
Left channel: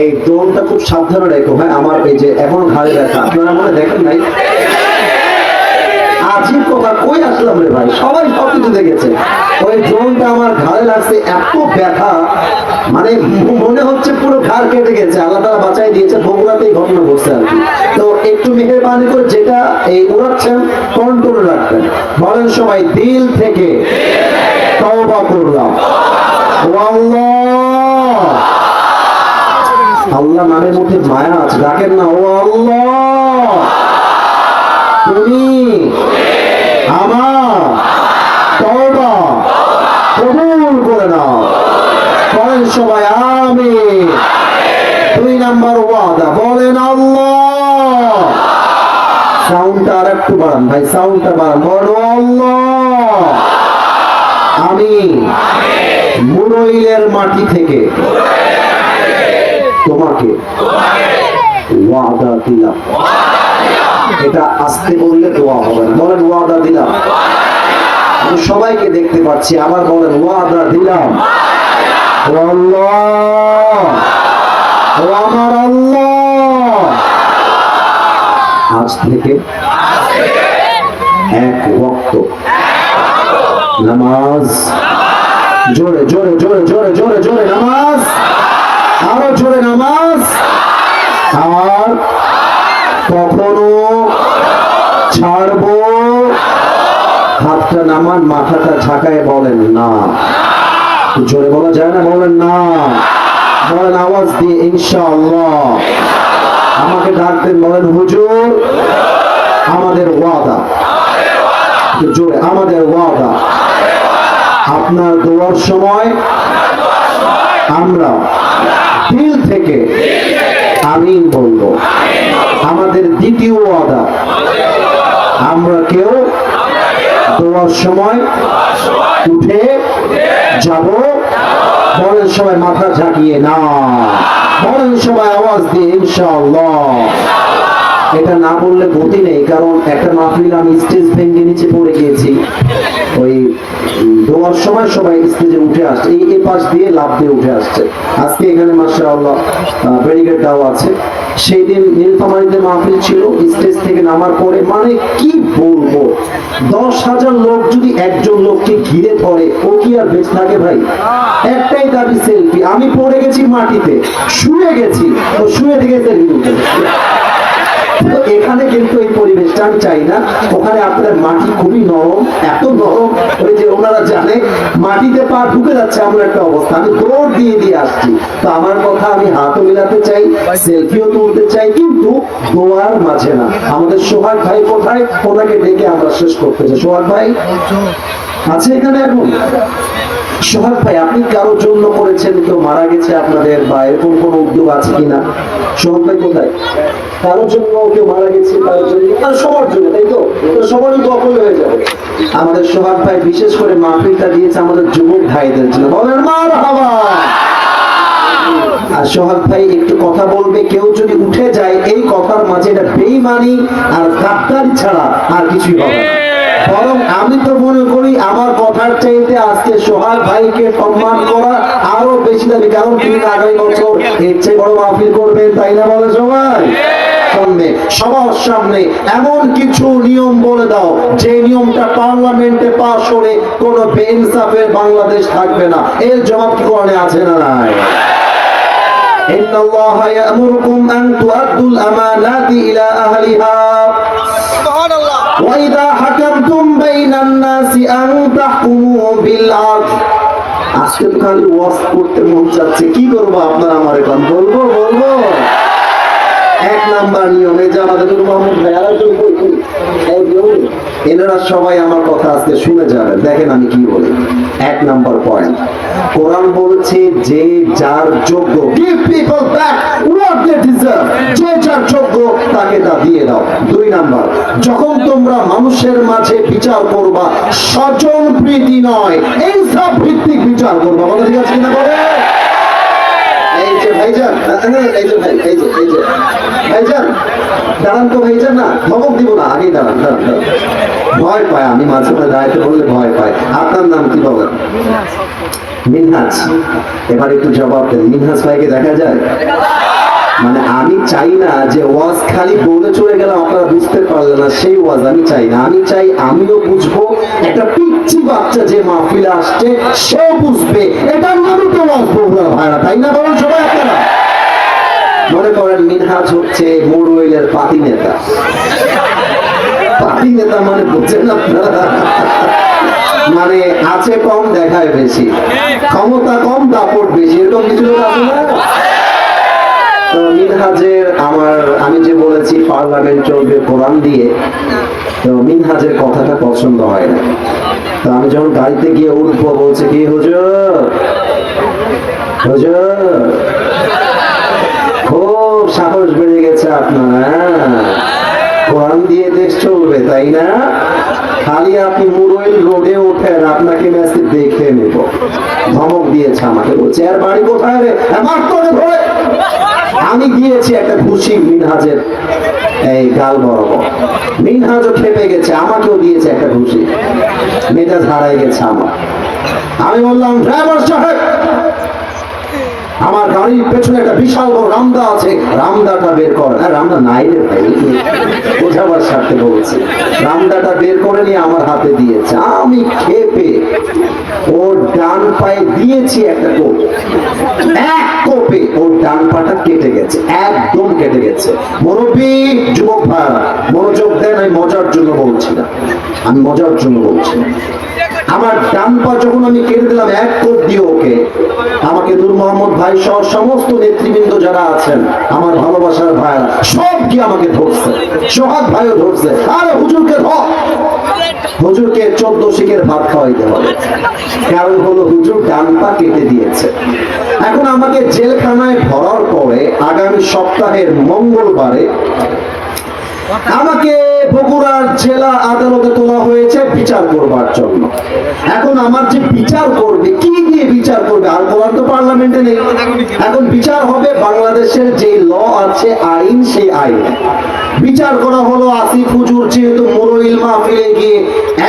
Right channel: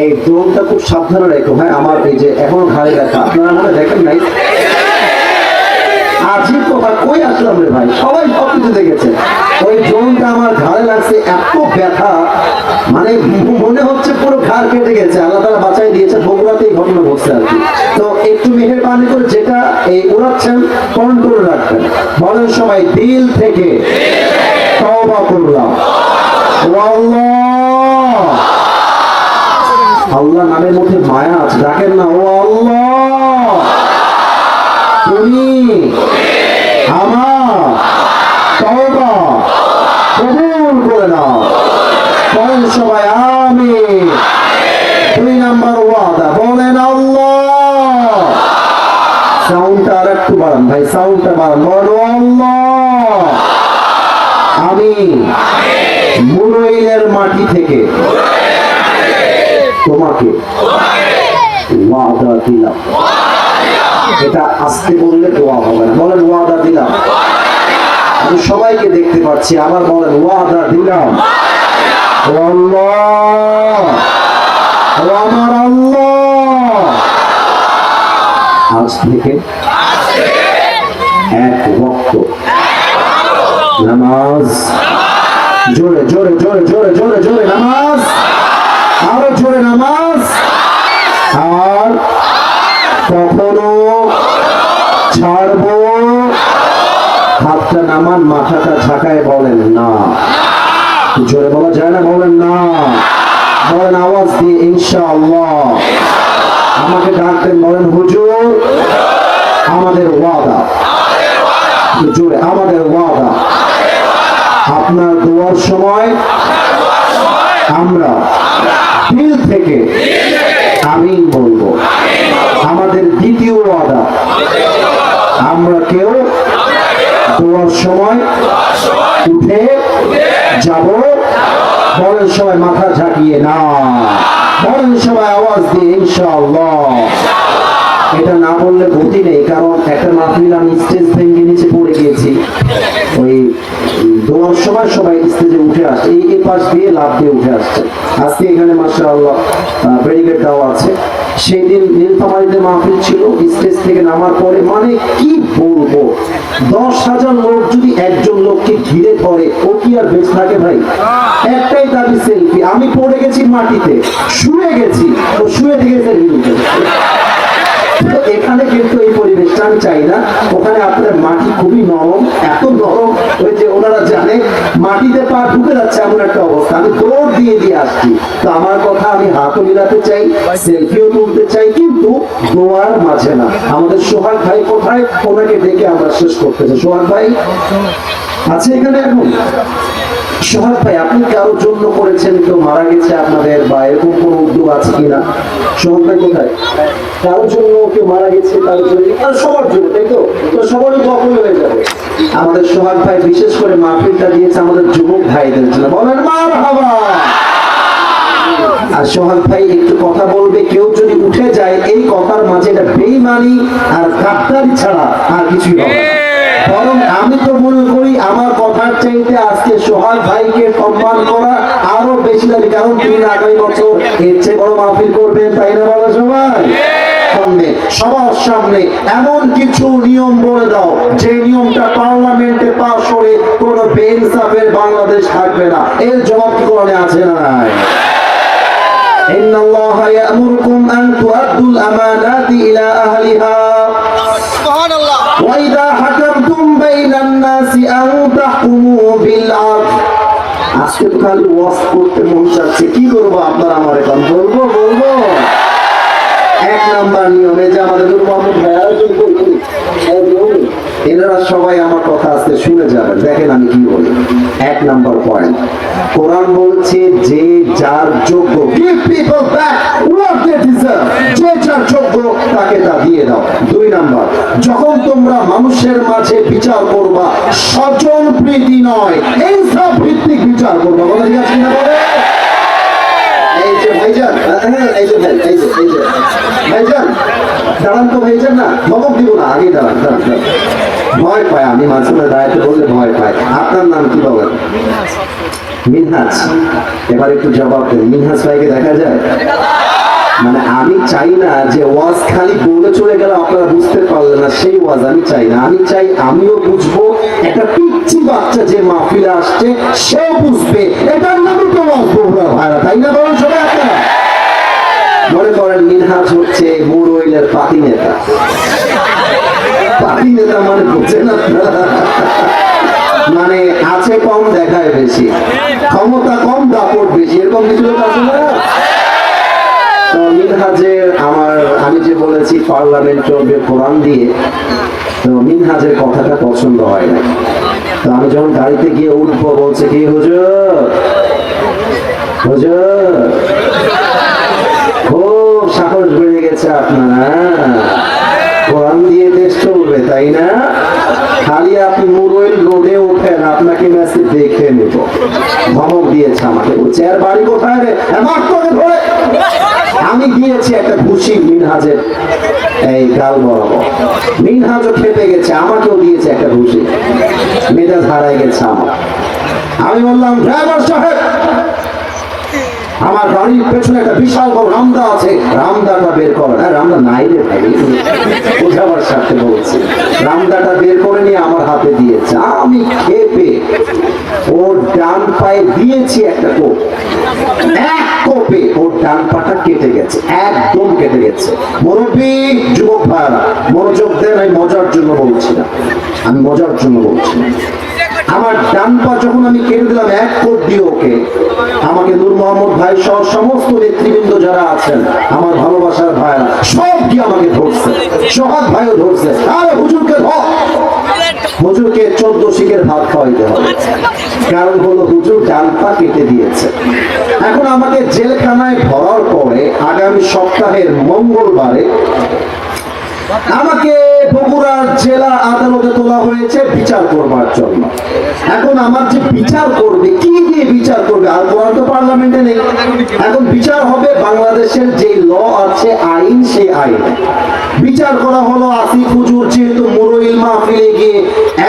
এই দোলটা খুব সাবধানে রেখো, হ্যাঁ। আমার এই যে এখনো ঘাড়ে রাখা, আপনারা মনে দেখেন নাই? আজিব কথা, কই আসলাম রে ভাই, সবাই সবকিছু দেখেছে। ওই জোনটা আমার ঘাড়ে লাগছে, এত ব্যথা, মানে মনে হচ্ছে পুরো ঘাড় কেটে গেছে। আল্লাহ তাআলা বাঁচাই দিয়েছে, বগুড়াতেই ঘটনা ঘটছে আর কি। তো একটু মেহেরবানি করে যেটা এই উড়াচ্ছেন কন্ট্রোল রাখবেন। বলেন সবাই, দিল থেকে তওবা করলাম। ও আল্লাহ, আল্লাহ নামের মধ্যে মায়া আছে, ডাকেন না, ও আল্লাহ তুমি আমার তওবা কবুল করে নাও। বলেন সবাই আমিন। 2 নাম্বার ওয়াদা, বলেন আল্লাহ। সাউন্ডটা আর একটু বাড়ান ভাই, সাউন্ডটা বাড়ান, বলো আল্লাহ আমি মুরইলের মাটি থেকে তোমাকে ওয়াদা দিলাম। এটা আস্তে বললে দোয়া হবে না, বলেন ওয়াদা দিলাম। আমি সবাইকে দেখতে পাচ্ছি, আবার বলেন ওয়াদা দিলাম। ও আল্লাহ, ও আমার আল্লাহ, আজ থেকে এক ওয়াক্ত নামাজ, জোরে জোরে জোরে জোরে জোরে জোরে নামাজ, আরো জোরে নামাজ, আর কখনো ছাড়বো। হাতটা নামান, মাথাটা ঝাঁকায় বলেন না। জোরে বলা যায় না, বলেন না, বলেন আওয়াজ দিয়ে ইনশাআল্লাহ। আমাকে ডাকতেন, বলেন হুজুর আমাদের ওয়াদা, জোরে আমাদের ওয়াদা, আপনার দোয়ার সময় আমরা দিল থেকে আমিন বলবো। আমাদের দ্বিতীয় ওয়াদা, আমরা কেউ দোয়ার সময় উঠে যাব, বলেন সবাই মাথা ঝাঁকিয়ে না, বলেন সবাই আওয়াজ দিয়ে ইনশাআল্লাহ। এটা না বললে গতি নেই, কারণ একটা মাহফিল আমি স্টেজ ভেঙে নিচে পড়ে গিয়েছি। ওই দোয়ার সময় সবাই স্টেজে উঠে আসছে, এই পাশ দিয়ে লাভ দিয়ে উঠে আসছে। আজকে এখানে মাশাআল্লাহ ব্যারিকেড দেওয়া আছে। সেদিন নীলফামারীতে মাহফিল ছিল, স্টেজ থেকে নামার পরে মানে কি বলবো, 10,000 লোক যদি একজন লোককে ঘিরে ধরে, ও কি আর বেঁচে থাকে ভাই? একটাই দাবি সেলফি। আমি পড়ে গেছি মাটিতে, শুয়ে গেছি, ও শুয়ে থেকে সেলফি উঠে। এখানে কিন্তু এই পরিবেশটা আমি চাই না। ওখানে আপনার মাটি খুবই নরম, এত নরম, ওই যে ওনারা জানে মাটিতে পা ঢুকে যাচ্ছে এমন একটা অবস্থা। আমি দৌড় দিয়ে দিয়ে আসছি। তো আমার কথা, আমি হাতও মিলাতে চাই, সেলফিও তুলতে চাই, কিন্তু দোয়ার মাঝে না। আমাদের সোহাগ ভাই কোথায়? ওনাকে ডেকে আমরা শেষ করতে চাই। সোহাগ ভাই আছে এখানে এখন? সোহাগ ভাই, আপনি কারোর জন্য করেছেন, কেউ মারা গেছে আপনাদের, বা এরকম কোনো উদ্যোগ আছে কিনা? সোহাগ ভাই কোথায়? কারোর জন্য কেউ মারা গেছে, কারোর জন্য, সবার জন্য, তাই তো? তো সবারই কখন হয়ে যাবে। আমাদের সোহাগ ভাই বিশেষ করে মাহফিলটা দিয়েছে আমাদের যুবক ভাইদের জন্য, বলেন মারহাবা। আর সোহাগ ভাই একটু কথা বলবে, কেউ যদি উঠে যায় এই কথার মাঝে, এটা বেঈমানি আর গাদ্দারি ছাড়া আর কিছুই হবে না। বরং আমি তো মনে করি আমার কথার চাইতে আজকে সোহাগ ভাইকে সম্মান করা আরো বেশি দাবি, কারণ তিনি আগামী বছর এর চেয়ে বড় মাহফিল করবেন, তাই না বলে সবাই? সামনে, সবার সামনে এমন কিছু নিয়ম বলে দাও যে নিয়মটা পার্লামেন্টে পাস করে কোন বেইনসাফের বাংলাদেশ থাকবে না। এর জবাব কি কোরআনে আছে না নাই? ইন্নাল্লাহা ইয়া'মুরুকুম আন তু'আদ্দুল আমানাতি ইলা আহলিহা সুবহানাল্লাহ ওয়া ইযা হাকামতুম বাইনান নাসি আন তাহকুমু বিল আদল। আজকে খালি ওয়াজ করতে মন চাচ্ছে, কি করব আপনারা আমার এখন বলবো। এক নাম্বার নিয়মে যে আমাদের মোহাম্মদ ভাইয়া এনারা সবাই আমার কথা আজকে শুনে যাবেন, দেখেন আমি কি বলি। এক নাম্বার পয়েন্ট, কোরআন বলছে যে যার যোগ্য, give people back what they deserve, যে যার যোগ্য তাকে তা দিয়ে দাও। দুই নাম্বার, যখন তোমরা মানুষের মাঝে বিচার করবা স্বজন প্রীতি নয়, ইনসাফ ভিত্তিক বিচার করবা। বলা ঠিক আছে না? বলে এই যে ভাইজান, এই যে ভাইজান দাঁড়ান তো, ভাইজান না ধমক দিব না, আগে দাঁড়ান। ভয় পায়, আমি মাঝে মাঝে দাঁড়াতে বললে ভয় পায়। আপনার নাম কি বলেন? মিনহাজ। এবার একটু জবাব দেন, মিনহাজ ভাইকে দেখা যায়? মানে আমি চাই না যে ওয়াজ খালি বলে চলে গেলাম আপনারা বুঝতে পারলেন না, সেই ওয়াজ আমি চাই না। আমি চাই আমিও বুঝবো, একটা পিচ্ছি বাচ্চা যে মাহফিলে আসছে সেও বুঝবে, এটার নামই তো ওয়াজ বগুড়া ভাইরা, তাই না বলুন সবাই আপনারা? মনে করেন মিনহাজ হচ্ছে মুরওইলের পাতি নেতা। পাতি নেতা মানে বুঝছেন আপনারা? মানে আছে কম দেখায় বেশি, ক্ষমতা কম দাপট বেশি, এরকম কিছু লোক আছে না? মিনহাজের আমি যে বলেছি পার্লামেন্ট চলবে কোরআন দিয়ে, তো মিনহাজের কথাটা পছন্দ হয় না। তো আমি যখন গাড়িতে গিয়ে উঠবো বলছে কি, হুজুর খুব সাহস বেড়ে গেছে আপনার, কোরআন দিয়ে দেশ চলবে তাই না? খালি আপনি মুরইল রোডে ওঠেন, আপনাকে মেসেজ দেখে নেব। ধমক দিয়েছে আমাকে, বলছে আর বাড়ি কোথায় রে, ধরে আমি দিয়েছি একটা ঘুষি মিনহাজের এই গাল বরাবর। মিনহাজও খেপে গেছে, আমাকেও দিয়েছে একটা ঘুষি, মেজাজ হারাই গেছে আমার। আমি বললাম ড্রাইভার সাহেব, আমার গাড়ির পেছনে একটা বিশাল বড় রামদা আছে, রামদাটা বের করেন। রামদা নাই রে ভাই, বোঝাবার সাথে বলছে, রামদাটা বের করে নিয়ে আমার হাতে দিয়েছে। আমি খেপে ওর ডান পায়ে দিয়েছি একটা কোপ, এক কোপে ওর ডান পাটা কেটে গেছে, একদম কেটে গেছে। মুরব্বী, যুবক ভাইরা মনোযোগ দেন, আমি মজার জন্য বলছি না, আমি মজার জন্য বলছি না। আমার ডান পা যখন আমি কেটে দিলাম এক কোপ দিয়ে ওকে, আমাকে নূর মোহাম্মদ ভাই সহ সমস্ত নেতৃবৃন্দ যারা আছেন, আমার ভালোবাসার ভাইরা সব কি আমাকে ধরছে, সোহাগ ভাইও ধরছে। আরে হুজুরকে ধর, হুজুরকে 14 শিখের ভাত খাওয়াইতে হবে, কারণ হলো হুজুর ডান পা কেটে দিয়েছে। এখন আমাকে জেলখানায় ধরার পরে আগামী সপ্তাহের মঙ্গলবারে আমাকে বগুড়ার জেলা আদালতে তোলা হয়েছে বিচার করবার জন্য। এখন আমার যে বিচার করবে, কি দিয়ে বিচার করবে? আর কোরআন তো পার্লামেন্টে নেই। এখন বিচার হবে বাংলাদেশের যে ল আছে, আইন, সেই আইন বিচার করা হলো। আসিফ হুজুর যেহেতু মুরইল মাহফিলে গিয়ে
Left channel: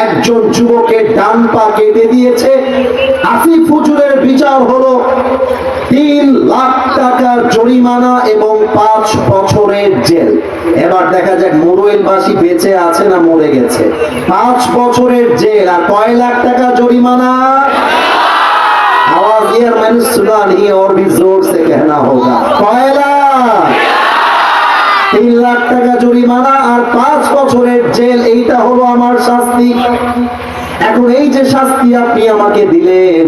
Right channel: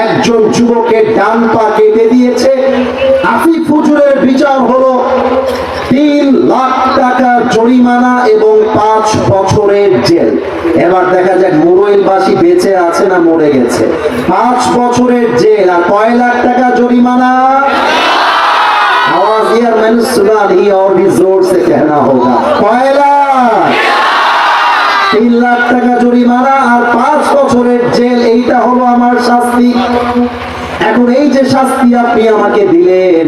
একজন যুবকের ডান পা কেটে দিয়েছে, আসিফ হুজুরের বিচার হলো 3 লাখ টাকার জরিমানা এবং 5 বছরের জেল। এবার দেখা যাক মুরইলবাসী বেঁচে আছে না মরে গেছে। 5 বছরের জেল আর কয় লাখ টাকা জরিমানা? आवाज यार मैंने सुना नहीं और भी जोर से कहना होगा। কয় লাখ? 3 লাখ টাকা জরিমানা আর 5 বছরের জেল, এইটা হলো আমার শাস্তি। এখন এই যে শাস্তি আপনি আমাকে দিলেন,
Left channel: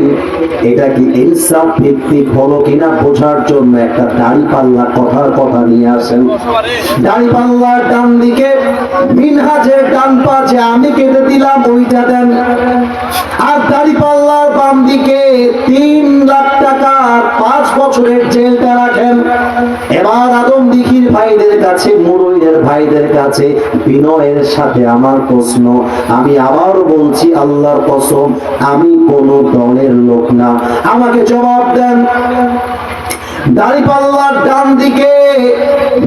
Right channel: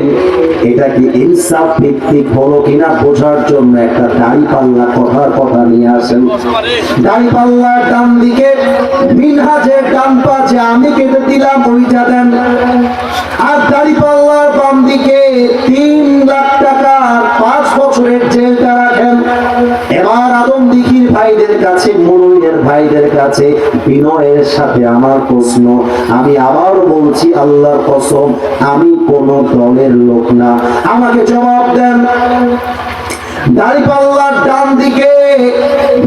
এটা কি ইনসাফ ভিত্তিক হলো কিনা বোঝার জন্য একটা দাঁড়িপাল্লা কথার কথা নিয়ে আসেন। দাঁড়িপাল্লার ডান দিকে মিনহাজের ডান পা যে আমি কেটে দিলাম ওইটা দেন, আর দাঁড়িপাল্লার বাম দিকে 3 লাখ টাকা 5 বছরের জেলটা রাখেন। এবার আদম দিঘির ভাইদের কাছে, মুরুইয়ের ভাইদের কাছে বিনয়ের সাথে আমার প্রশ্ন, আমি আবার বলছি আল্লাহর কসম, আমি কোন দলের লোক না, আমাকে জবাব দেন। দাঁড়িপাল্লার ডান দিকে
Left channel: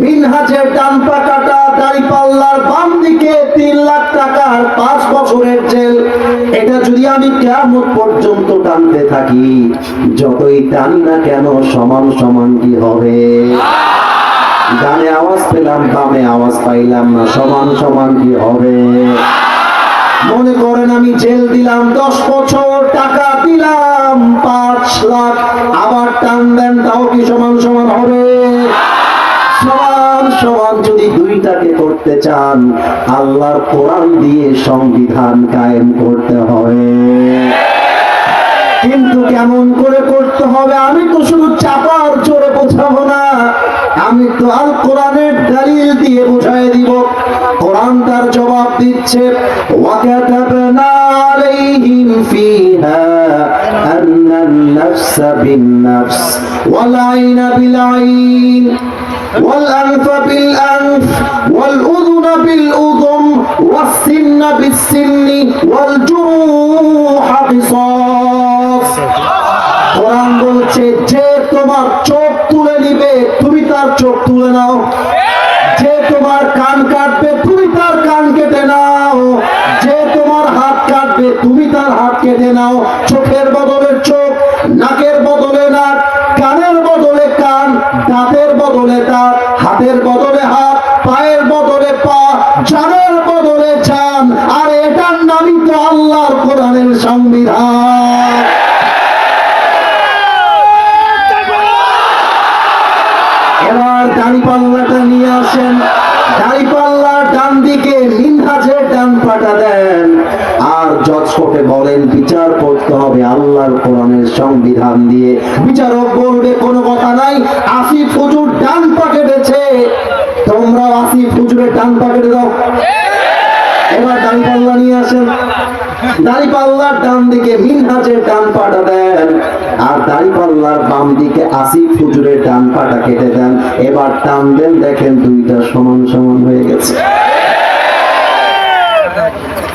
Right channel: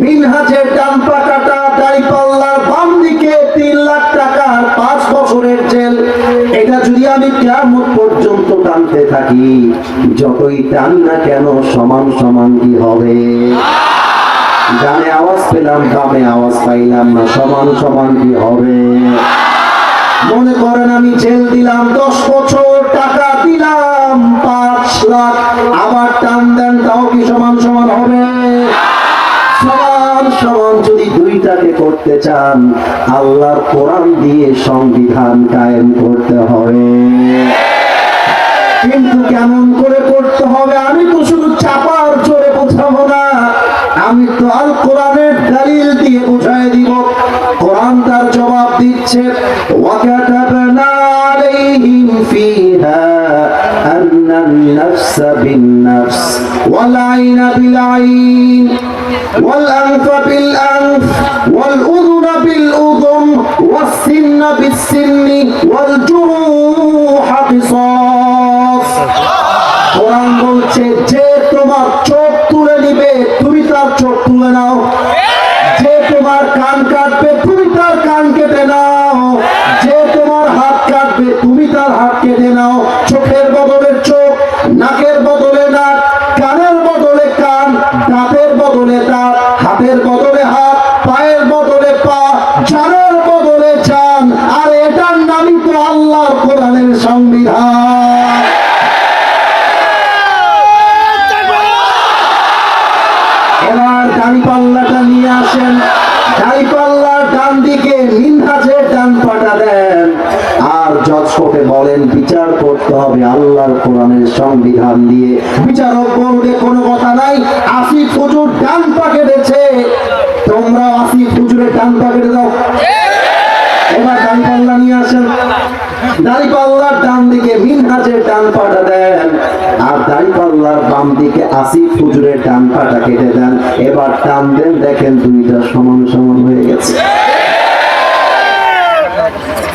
মিনহাজের ডান পা কাটা, দাঁড়িপাল্লার বাম দিকে 3 লাখ টাকার 5 বছরের জেল, এটা যদি আমি কিয়ামত পর্যন্ত টানতে থাকি, যতই টানি না কেন সমান সমান কি হবে? ডানে আওয়াজ পেলাম, বামে আওয়াজ পাইলাম না, সমান সমান কি হবে? মনে করেন আমি জেল দিলাম 10 বছর, টাকা দিলাম 5 লাখ, আবার টান দেন, তাও কি সমান সমান হবে? সমান সমান যদি দুইটাকে করতে চান, আল্লাহর কোরআন দিয়ে সংবিধান কায়েম করতে হবে। কিন্তু কেমন করে করতে হবে? আমি তো শুধু চাপার জোরে বোঝাবো না, আমি তো আল কোরআনের দলিল দিয়ে বুঝাই দিব। কোরআন তার জবাব দিচ্ছে, ওয়াকাতাবনা আলাইহিম ফিহা আন্নান নাফসা বিন নাফস ওয়াল আইনা বিল আইন ওয়াল আনফা বিল আনফ ওয়াল উযুনা বিল উযুন ওয়াস সিন্না বিস সিন্নি ওয়াল জুরুহা কিসাস। কোরআন বলছে, যে তোমার চোখ তুলে নিবে তুমি তার চোখ তুলে নাও, যে তোমার কান কাটবে তুমি তার কান কেটে নাও, যে তোমার হাত কাটবে তুমি তার হাত কেটে নাও। চোখের বদলে চোখ, নাকের বদলে নাক, কানের বদলে কান, দাঁতের বদলে দাঁত, হাতের বদলে হাত, পায়ের বদলে পা, জানের বদলে জান। আর এটার নামই তো আল্লাহর কোরআনের সংবিধান। এবার দাঁড়িপাল্লাটা নিয়ে আসেন, দাঁড়িপাল্লার ডান দিকে মিনহাজের ডান পাটা দেন, আর জজকে বলেন বিচার করতে হবে আল্লাহর কোরআনের সংবিধান দিয়ে। বিচারক বলবে কোনো কথা নাই, আসিফ হুজুর ডান পা কেটেছে, তোমরা আসিফ হুজুরের ডান পা কেটে দাও। এবার দাঁড়িপাল্লা নিয়ে আসেন, দাঁড়িপাল্লার ডান দিকে মিনহাজের ডান পাটা দেন, আর দাঁড়িপাল্লার বাম দিকে আসিফ হুজুরের ডান পাটা কেটে দেন। এবার টান দেন, দেখেন দুইটা সমান সমান হয়ে গেছে।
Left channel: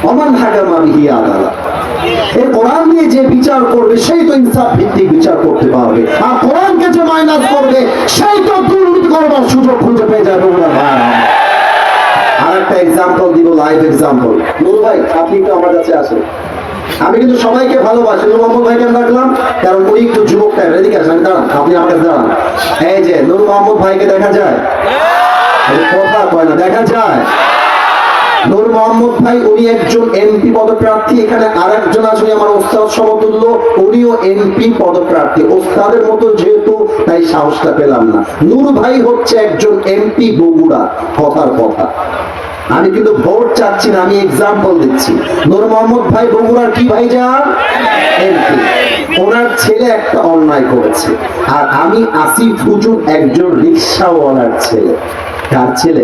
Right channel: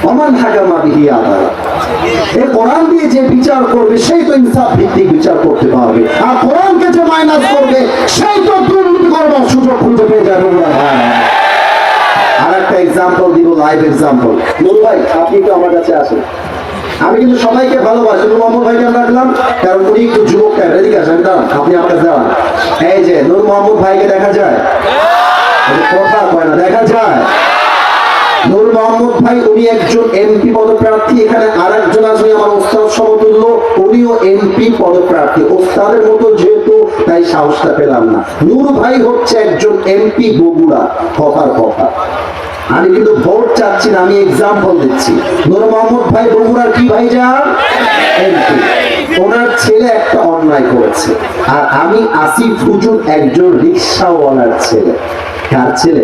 ওমান হাকামা বিহি আদালা, এই কোরআন দিয়ে যে বিচার করবে সেই তো ইনসাফ ভিত্তিক বিচার করতে পারবে, আর কোরআনকে যে মাইনাস করবে সেই তো দুর্নীতি করবার সুযোগ খুঁজে পেয়ে যাবে। আর একটা এক্সাম্পল দিব, লাইভ এক্সাম্পল। নুরু ভাই, আপনি তো আমার কাছে আসেন, আমি কিন্তু সবাইকে ভালোবাসি, নূর মোহাম্মদ ভাইকে রাখলাম কারণ উনি একটু যুবক টাইপ। এদিকে আসেন, দাঁড়ান, আপনি আমার কাছে দাঁড়ান। এই যে নূর মোহাম্মদ ভাইকে দেখা যায়, কথা কয় না, দেখা যায়। নূর মোহাম্মদ ভাই উনি একজন এমপি পদপ্রার্থী, এখানে আর একজন আছে আমার ওস্তাদ সমতুল্য, উনিও এমপি পদপ্রার্থী। ওস্তাদের মতো যেহেতু, তাই সাহসটা পেলাম না। নূর ভাই হচ্ছে একজন এমপি বগুড়া, কথার কথা। আমি কিন্তু ভোট চাচ্ছি না, আমি এক্সাম্পল দিচ্ছি। নূর মোহাম্মদ ভাই বগুড়ার কি ভাই যান এমপি, ওনার ছেলে একটা অন্যায় করেছে, আর আমি আসিফ হুজুর একজন রিক্সাওয়ালার ছেলে। কার ছেলে?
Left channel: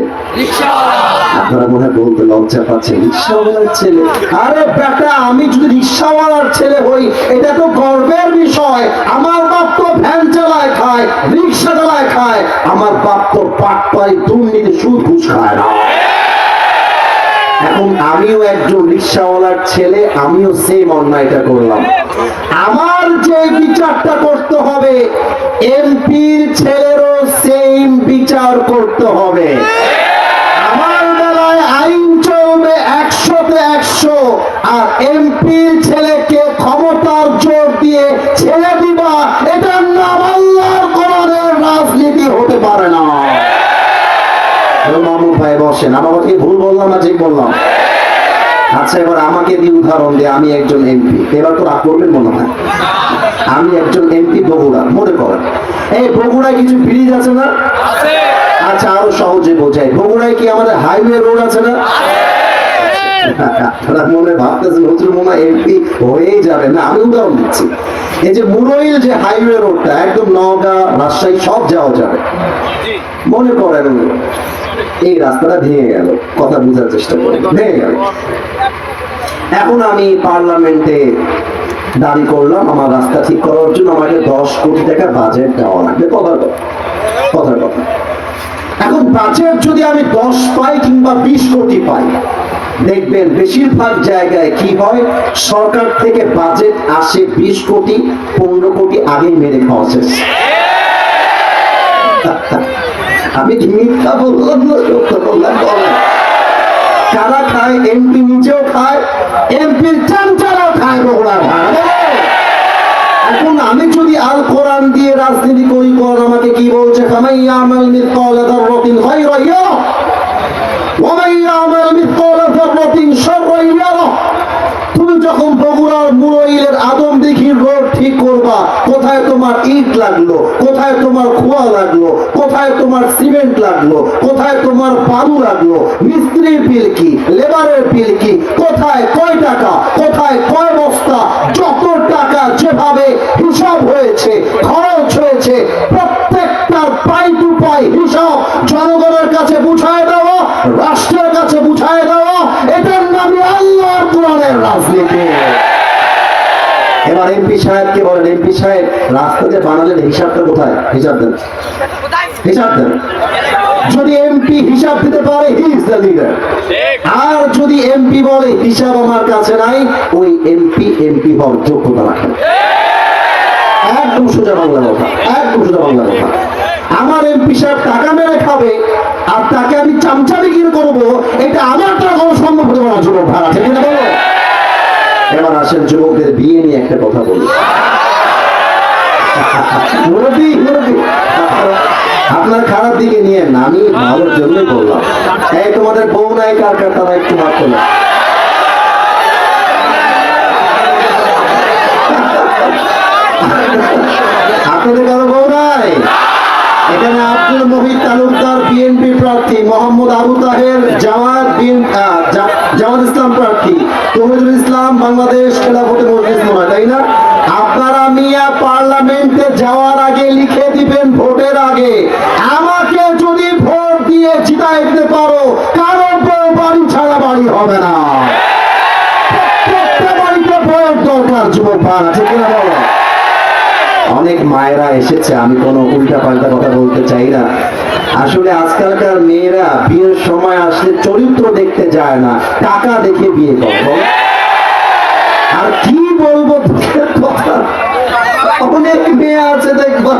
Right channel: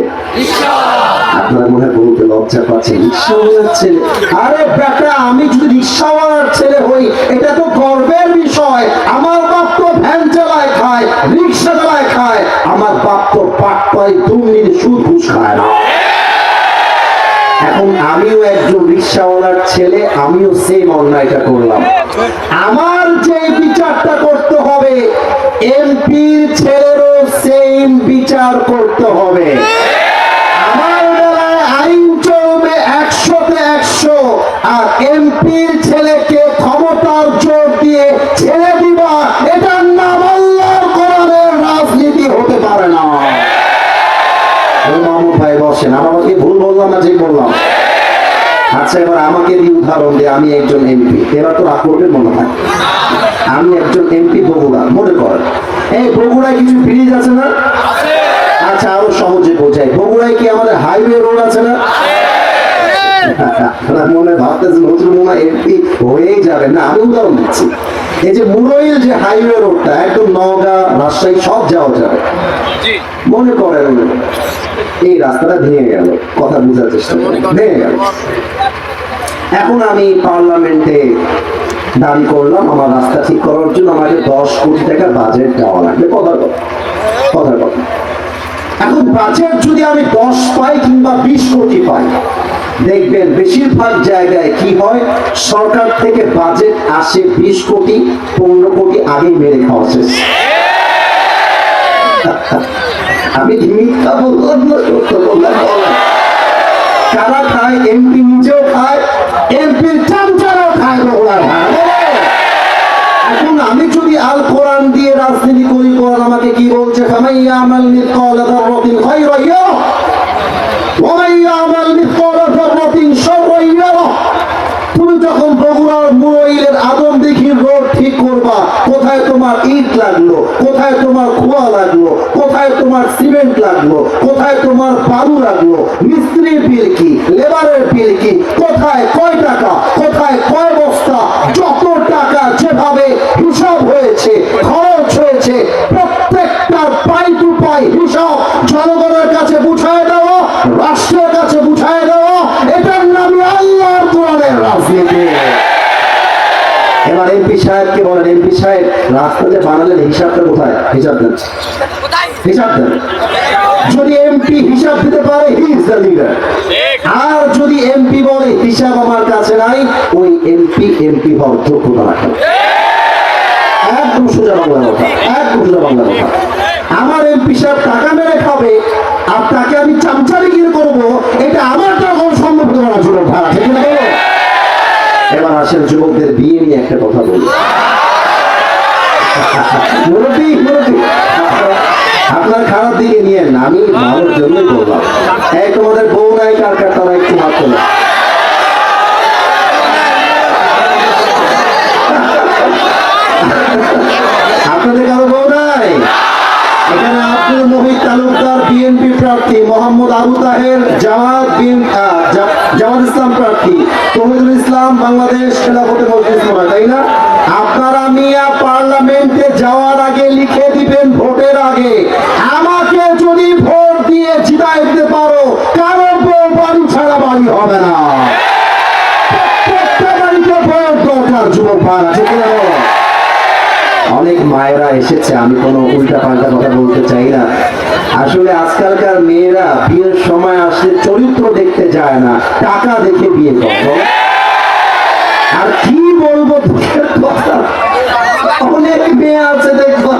আপনারা মনে হয় বলতে লজ্জা পাচ্ছেন, রিক্সাওয়ালার ছেলে। আরে বেটা, আমি যদি রিক্সাওয়ালার ছেলে হই এটা তো গর্বের বিষয়। আমার বাপ তো ভ্যান চালায় খায়, রিক্সা চালায় খায়, আমার বাপ তো পাটপাই দুর্নীতি সুদ ঘুষ খায় না। এখন আমিও একজন রিক্সাওয়ালার ছেলে, আমিও সেম অন্যায়টা করলাম। আমার যে বিচারটা করতে হবে, এমপির ছেলেরও সেম বিচার করতে হবে। আমার বেলায় আইন চলবে 100-তে 100, আর এমপির ছেলেকে ক্ষমতার জোর দিয়ে ছেড়ে দিবা, এটার নাম আল্লাহর কোরআনের রাজনীতি হতে পারে না। মামুন ভাই বসেন, আমাকে ভুল বললাম না ঠিক বললাম? আচ্ছা, এবার আমাকে দিয়ে উদাহরণ দিয়ে, আমি একজন এমপি, এবার তো রাগ করবেন মনে হয়। আমি একজন এমপি বগুড়া, মনে করেন এই বগুড়ায় কিছু ব্রিজ আছে না? আচ্ছা, আরো সহজে বোঝাই, বগুড়ায় কি আমাদের হাইওয়ে রোড আছে না? আপনার মনে ভাবতেছেন হুজুর মনে হয় এমপি হয়েই যাবে না, আমি উদাহরণ দিচ্ছি। এই যে মুরইল যে হাইওয়ে রোডটা একদম নওগাঁ রাজশাহী সব যাওয়া যাবে, মনে করেন এই রাস্তাটা ভেঙে গেল, কথা বোঝার চেষ্টা করেন, ভেঙে গেল। এখন আমি পার্লামেন্টে দাবি করলাম আমার রাস্তা ঠিক করার জন্য আমাকে 10 কোটি টাকা বাজেট দেওয়া লাগবে, কথার কথা, কথার কথা। এখন বাজেট যদি আমি 10 পাই কিংবা 20 কোটি পাই, দেখবেন বেশিরভাগ জায়গায় কি হয়, সরকার থেকে বাজেট আসে 20 কোটি 15 কোটি আগেই মেরে খাওয়া শেষ। আমি মিথ্যা বললাম না, সত্য বললাম। কারা খায়? এমপি নিজেও খায়, এমপির চামচারাও খায়, বগুড়া খায়। এখন আমি যদি আল কোরআন দিয়ে রাজনীতি করি, কোরআন আমাকে কি বলছে? ফামাইয়ামাল মিসকালা যাররাতিন খায়রান ইয়ারা ওয়া মাইয়ামাল মিসকালা যাররাতিন শাররান ইয়ারা। তুমি যখন বগুড়ার মুরইলের আদম দিঘির রোড ঠিক করবা, কোথায় তোমার ইট লাগলো, কোথায় তোমার খোয়া লাগলো, কোথায় তোমার সিমেন্ট লাগলো, কোথায় তোমার বালু লাগলো, মিস্ত্রির বিল কি, লেবারের বিল কি, কোথায় কয় টাকা, কোথায় কয় বস্তা, যত টাকা যেভাবে হিসাব হয়েছে, খরচ হয়েছে, প্রত্যেকটার পাই টু পাই হিসাব জনগণের কাছে বুঝায় দেওয়া, রাষ্ট্রের কাছে বুঝায় দেওয়া, এটার নাম আল্লাহর কোরআনের রাজনীতি। এবার এমপি সাহেবকে বলেন, এমপি সাহেব রাস্তাতে বানালেন, হিসাবটা কোথায়? হিসাব দেন, হিসাব দেন। যদি এমপি হিসাব দিতে পারে, হি ইজ দ্য লিডার। আর যদি এমপি বলে হিসাব আমার কাছে নাই, ওই এমপি এমপি হওয়ার যোগ্যতা রাখে। একদম সোজা বাংলা কথা, একদম সোজা বাংলা কথা। আমার এমপি সাহেব টাকা মেরে খাবে আর তাকে আমি চামচারি কিনে করবো, এটা আমার তো কোনো সম্ভব না, যুবক ভাড়া, ঠিক না বলো? এবার আসেন যুবকদের বিয়ে নিয়ে একটা কথা বলি। মুরব্বী মুরব্বী, আপনার খারাপ দিকে নিয়ে না, আমি ভালোর জন্যই বললাম। এই তোমাদের বউ নাই, কার কার তারা একটু হাত তোলে। আপনাদের কারো বউ নাই? এখানে আব্দুল মুহিত তালুকদার বিএনপি প্রার্থী, মোহাম্মদ আবু তাহের জামাত ইসলাম প্রার্থী, তৌহিদুল ইসলাম বাংলাদেশ খেলাফতে মজলিস নয়, তাই না? আপনারা মিয়া পার্লামেন্টে যাওয়ার আগে লিখে দিবেন, ভোটের আগে, আমাকে যদি ভোট দিয়ে জিতাই দিতে পারো, কারো বউ বাড়ি ছাড়া বাড়ি হবে না, প্রত্যেকটা বাড়িতে ভোট দরকার, যুবক ভাড়া, ঠিক না বলো? অনেক মায়েরা এসেছে, আমি কোনো উল্টা পাল্টা কথা বলতে চাই না। আসলে আজকালকার মেয়েরা বিয়ের সময় আসলে চরিত্র দেখতে যায় না, টাকা দেখে বিয়ে করে। আর কি বলবো দুঃখের কথা, অনেক মেয়ে আছে দেখবা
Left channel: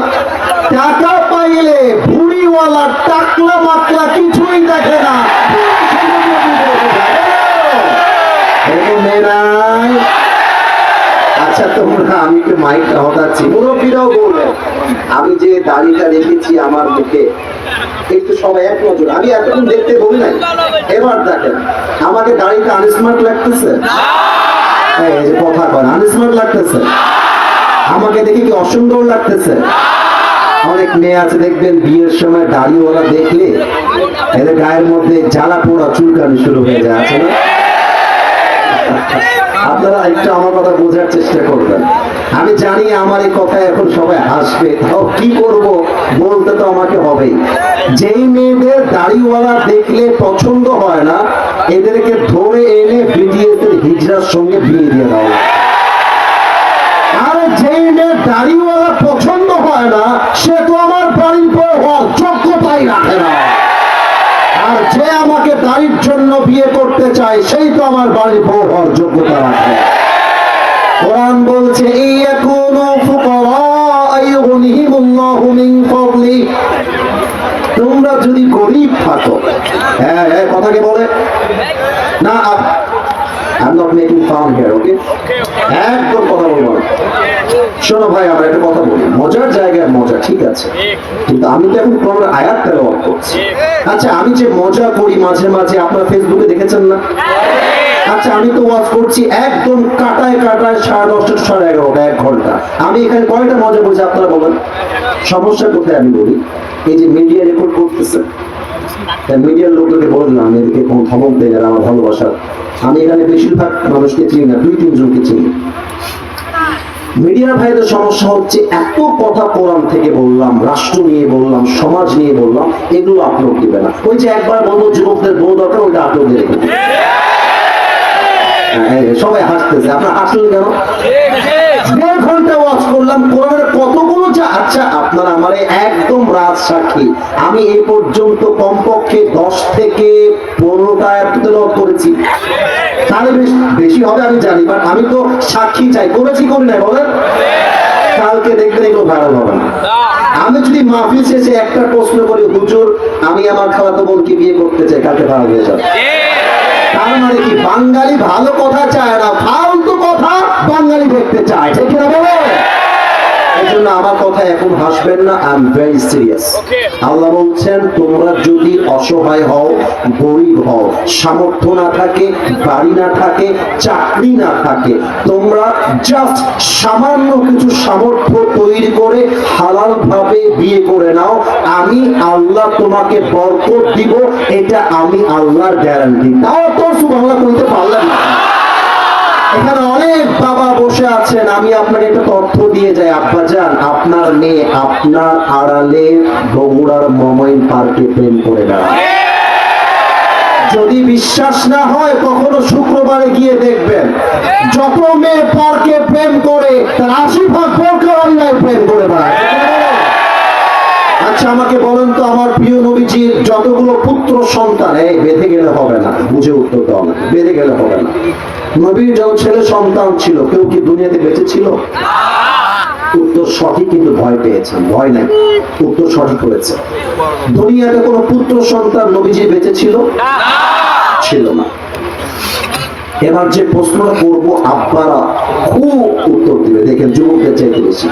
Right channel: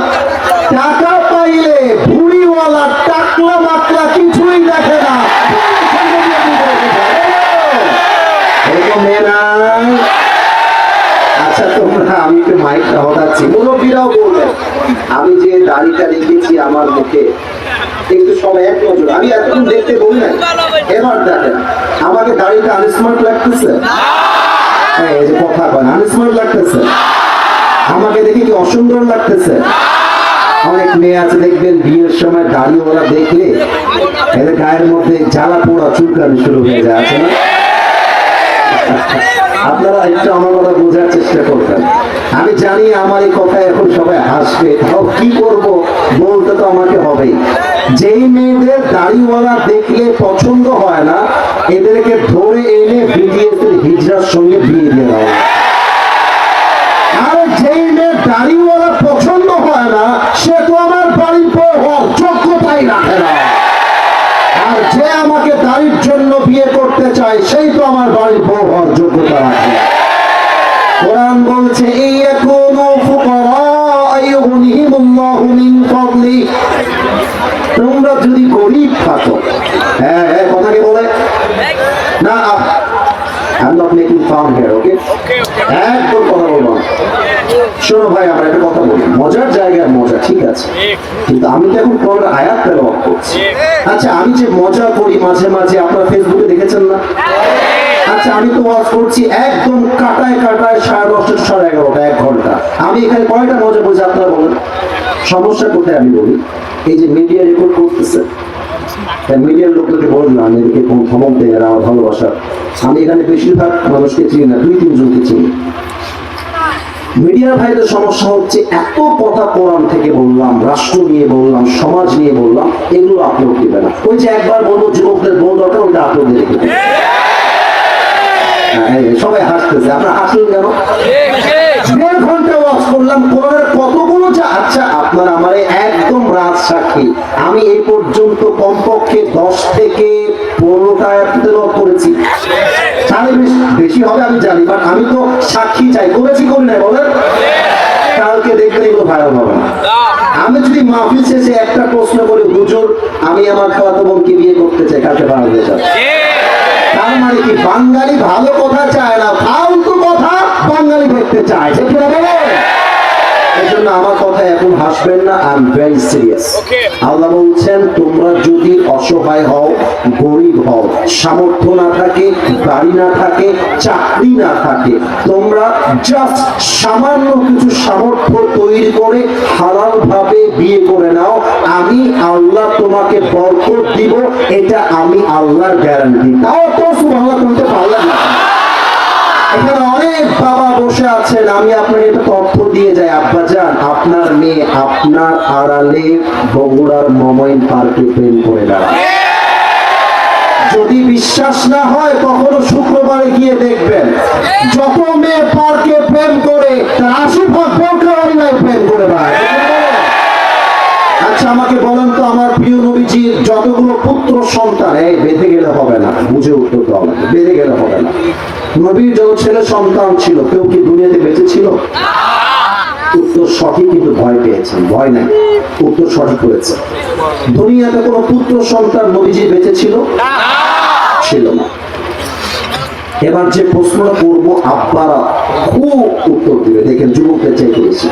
টাকা পাইলে ভুড়িওয়ালা টাকলা মাকলা কিছুই দেখে না, এরকম মেয়েরা। আচ্ছা তোমরা, আমি একটু মাইকটা হটাচ্ছি, মুরব্বীরাও বলবেন, আমি যে দাড়িটা রেখেছি আমার মুখে, একটু সবাই এক নজর, আমি এতক্ষণ দেখতে বলি নাই, এবার দেখেন আমাকে দাড়িটা আনস্মার্ট লাগতেছে? এই যে কথা বলেন, আনস্মার্ট লাগতেছে? আমাকে দেখে কি অসুন্দর লাগতেছে? অনেক মেয়ে আছে দেখবেন বিয়ের সময় দাড়িওয়ালা দেখলে এদের গায়ের মধ্যে জ্বালা পোড়া চুলকানি শুরু হয়ে যায়, আছে না? আপনারা একটু আমার কথা বোঝার চেষ্টা করবেন। আমি জানি আমার এই কথা এখন সবাই হাসবে, তাও কি করব, বলতে তো আমাকে হবেই। যেই মেয়েদের দাড়িওয়ালা দেখলে পছন্দ হয় না, এদেরকে ধরে এনে বিডিএসের হিজড়ার সঙ্গে বিয়ে দিয়ে দাও। আর যেই মেয়ে দাড়িওয়ালা পছন্দ হয় না, সে তো আমার বাড়ির বউ হওয়ার যোগ্যতাই রাখে না। আর যে আমাকে দাড়ির জন্য বিয়ে করতে চায়, সেই তো আমার বাড়ির বউ হওয়ার যোগ্যতা রাখে। কোরআন বলছে, ইয়াকুনু ফুকারা আইয়ুগনিহিমুল্লাহু মিন ফাদলি। তোমরা যদি গরিব থাকো, হ্যাঁ হ্যাঁ কথাকে বলে না, I'm not making fun here, okay? একদম কথা বলবো। শোনো ভাই, আমরা একটা কথা বলি, মজার জায়গায় মজা, ঠিক আছে, কিন্তু আমি তো এখন কোরআনের আয়াত তেলাওয়াত করছি। আচ্ছা আমি যে মজা করি মাঝে মাঝে, আপনারা ফেসবুকে দেখেছেন না? আচ্ছা আমি তো ওয়াজ করছি একদম কাটায় কাটায় 10:30 11:30 1 ঘন্টা, আমি এখানে কয়টা মজা বলছি আপনারা বলেন? সমস্যা কোথায় আমি বলি, এই যে মিডিয়া রেকর্ড করতেছে, মিডিয়ার লোকদেরকে বললাম এদেরকে কোন ধমক দেয় এরা আমার ভালোবাসা। আমি এখানে বেশিরভাগ মানুষকে চিনি না, 2-3 জনকে চিনি। মিডিয়ার ভাইদের সমস্যা হচ্ছে এত কথা কোরআন থেকে বললাম, রাষ্ট্র নিয়ে বললাম, সমাজ নিয়ে বললাম, এগুলো আপলোড দিবে না। ওই যে একবার বলবো যুবকদের বউ দরকার, ওইটা আপলোড দিয়ে রেখে দেবে। সবাই হাসতেছে, আপনার হাসলেন কেন? 1.5 ঘন্টা ওয়াজ করলাম, কোরআনের কতগুলো যা। আচ্ছা, আপনারা আমার একদম রাজ সাক্ষী, আমি এই পর্যন্ত কমপক্ষে 10 থেকে 15টা তেলাওয়াত করেছি। তাহলে বেশি হবে আমি জানি, বাট আমি তো সাক্ষী চাই, করেছি করি নাই বলেন? কালকে দেখবেন এগুলো ভাইরাল হবে না। আমি যদি মাহফিল শেষে একটা প্রশ্ন করি, হুজুর আমি আমার খালাতো বোনকে বিয়ে করতে চাই, কালকে ভাইরাল হয়ে যাবে। তার মানে কি, বাঙালি ভালো কথা চায় না, ফালতু কথা বাঙালি দেখতে চায়, ঠিক না বলে? এই জন্য আমার কথা এখন হাসবেন না, আই এম ভেরি সিরিয়াস। আল্লাহ বলছেন তোমরা যদি অসহায় হও, গরিব হও, সামর্থ্য না থাকে, বাড়ি না থাকে, চাকরি না থাকে, তোমরা জাস্ট সামান্য কিছু সামর্থ্য তৈরি করে হালাল ভাবে বিয়ে করে নাও, আমি আল্লাহ তোমাকে বরকত দিব, এটা আমি আল্লাহর গ্যারান্টি। তাও তো সুবহানাল্লাহ বলতে পারলেন না। এখানে অনেক বাবা বসে আছেন, আমি আপনাকে একটা তথ্য দিয়ে যাই, আব্বাজান আপনার মেয়ে আপনার আড়ালে বগুড়ার মমইন পার্কে প্রেম করে দাঁড়ায়। যদি বিশ্বাস না হয় কখনো শুক্রবারে গিয়ে দেখবেন, যত মেয়ে পার্কে প্রেম করে তার 80% বোরকাওয়ালিরাই প্রেম করে দেয়। আচ্ছা আমাকে বলেন তো, আমার প্রিয় নবীজির যতগুলো পুত্র সন্তান, এই বেঁধে গেলে হবে না, বুঝে উত্তর দেওয়া হবে, বেঁধে গেলে হবে না। নবীর যত ছেলে সন্তান ছিল, কেউ কি দুনিয়াতে বেঁচে ছিল? উত্তর সঠিক, কিন্তু ভয় পেয়েছেন। ভয় নাই, উত্তর সঠিক হয়েছে। দুনিয়াতে কোনো পুত্র সন্তান নবীজি বেঁচে ছিল? ছিল না। এবার যে প্রশ্নটা করবো আপনারা খুব উত্তর দিবে, দেখেন যুবকদের চাইতে বেশি।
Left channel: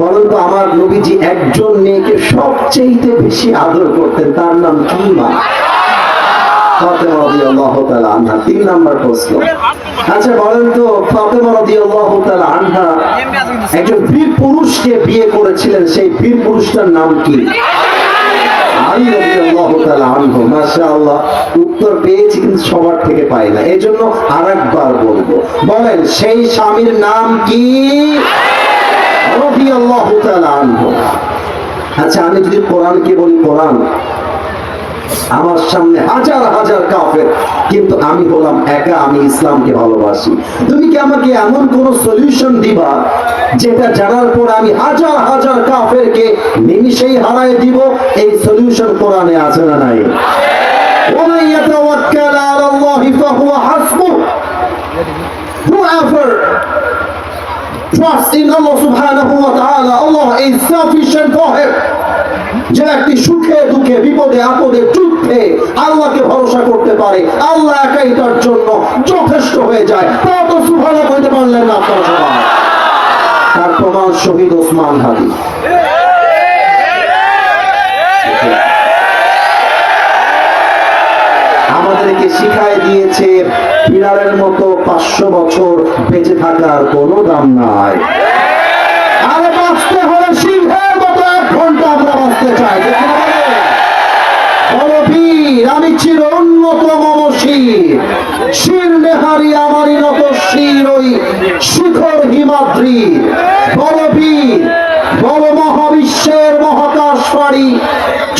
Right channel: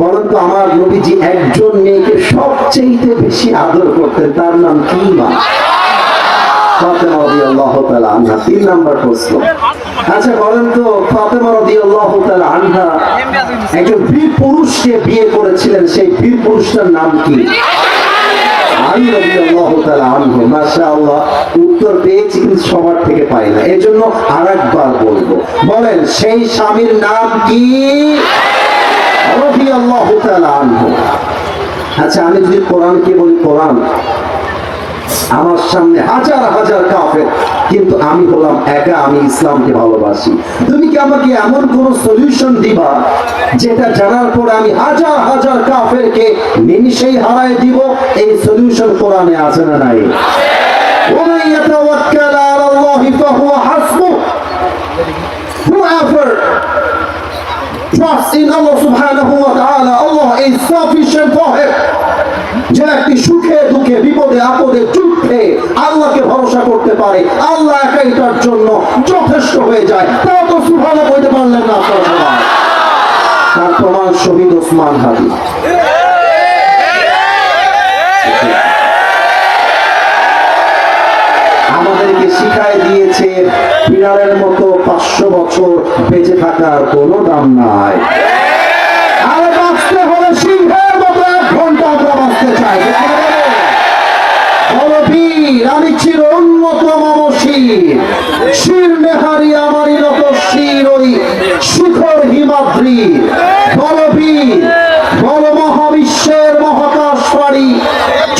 বলেন তো, আমার নবীজি একজন মেয়েকে সবচেয়ে বেশি আদর করতেন, তার নাম কি? মা ফাতেমা রাদিয়াল্লাহু তাআলা আনহা। 3 নাম্বার প্রশ্ন। আচ্ছা বলেন তো, ফাতেমা রাদিয়াল্লাহু তাআলা আনহা একজন বীর পুরুষকে বিয়ে করেছিলেন, সেই বীর পুরুষটার নাম কি? আলী রাদিয়াল্লাহু তাআলা আনহু। মাশাআল্লাহ, উত্তর পেয়েছি কিন্তু সবার থেকে পাই না, এজন্য আরেকবার বলবো। বলেন সেই স্বামীর নাম কি? রাদিয়াল্লাহু তাআলা আনহু। আচ্ছা আমি যদি কোরআনকে বলি, কোরআন আমার সামনে হাজার হাজার কাফের, কিন্তু আমি বললাম একা, আমি ইসলামকে ভালোবাসি। তুমি কি আমাকে এমন কোন সলিউশন দিবা যেটা জানার পর আমি হাজার হাজার কাফেরকে নিমিষেই হারায় দিব? এই সলিউশন কোরআনে আছে না নাই? ওমান ইয়াতাওয়াক্কাল আলাল্লাহি ফাহুয়া হাসবুহ। Whoever trusts in Allah subhanahu wa ta'ala, Allah is sufficient for him. যে ব্যক্তি সুখে দুঃখে বিপদে আপদে যুদ্ধে আল্লাহকে ভরসা করতে পারে, আল্লাহ একাই তার জন্য যথেষ্ট হয়ে যায়। তাও তো সুবহানাল্লাহ কইতে পারলেন না আপনারা সবাই। তার প্রমাণ শহীদ ওসমান হাদি। আমাদেরকে শিখায় দিয়েছে বিড়ালের মতো 500 বছর বেঁচে থাকার কোনো দাম নাই। আরে বাঁচতে হলে সিংহের মতো 1 ঘন্টা আমরা বাঁচতে চাই। আমি চির উন্নত মনশীর, শির নেহারি আমারই নত শির, ওই শিখর হিমাদ্রি, বড় বীর, বড় মহাবিশ্বের মহাকাশ পারি,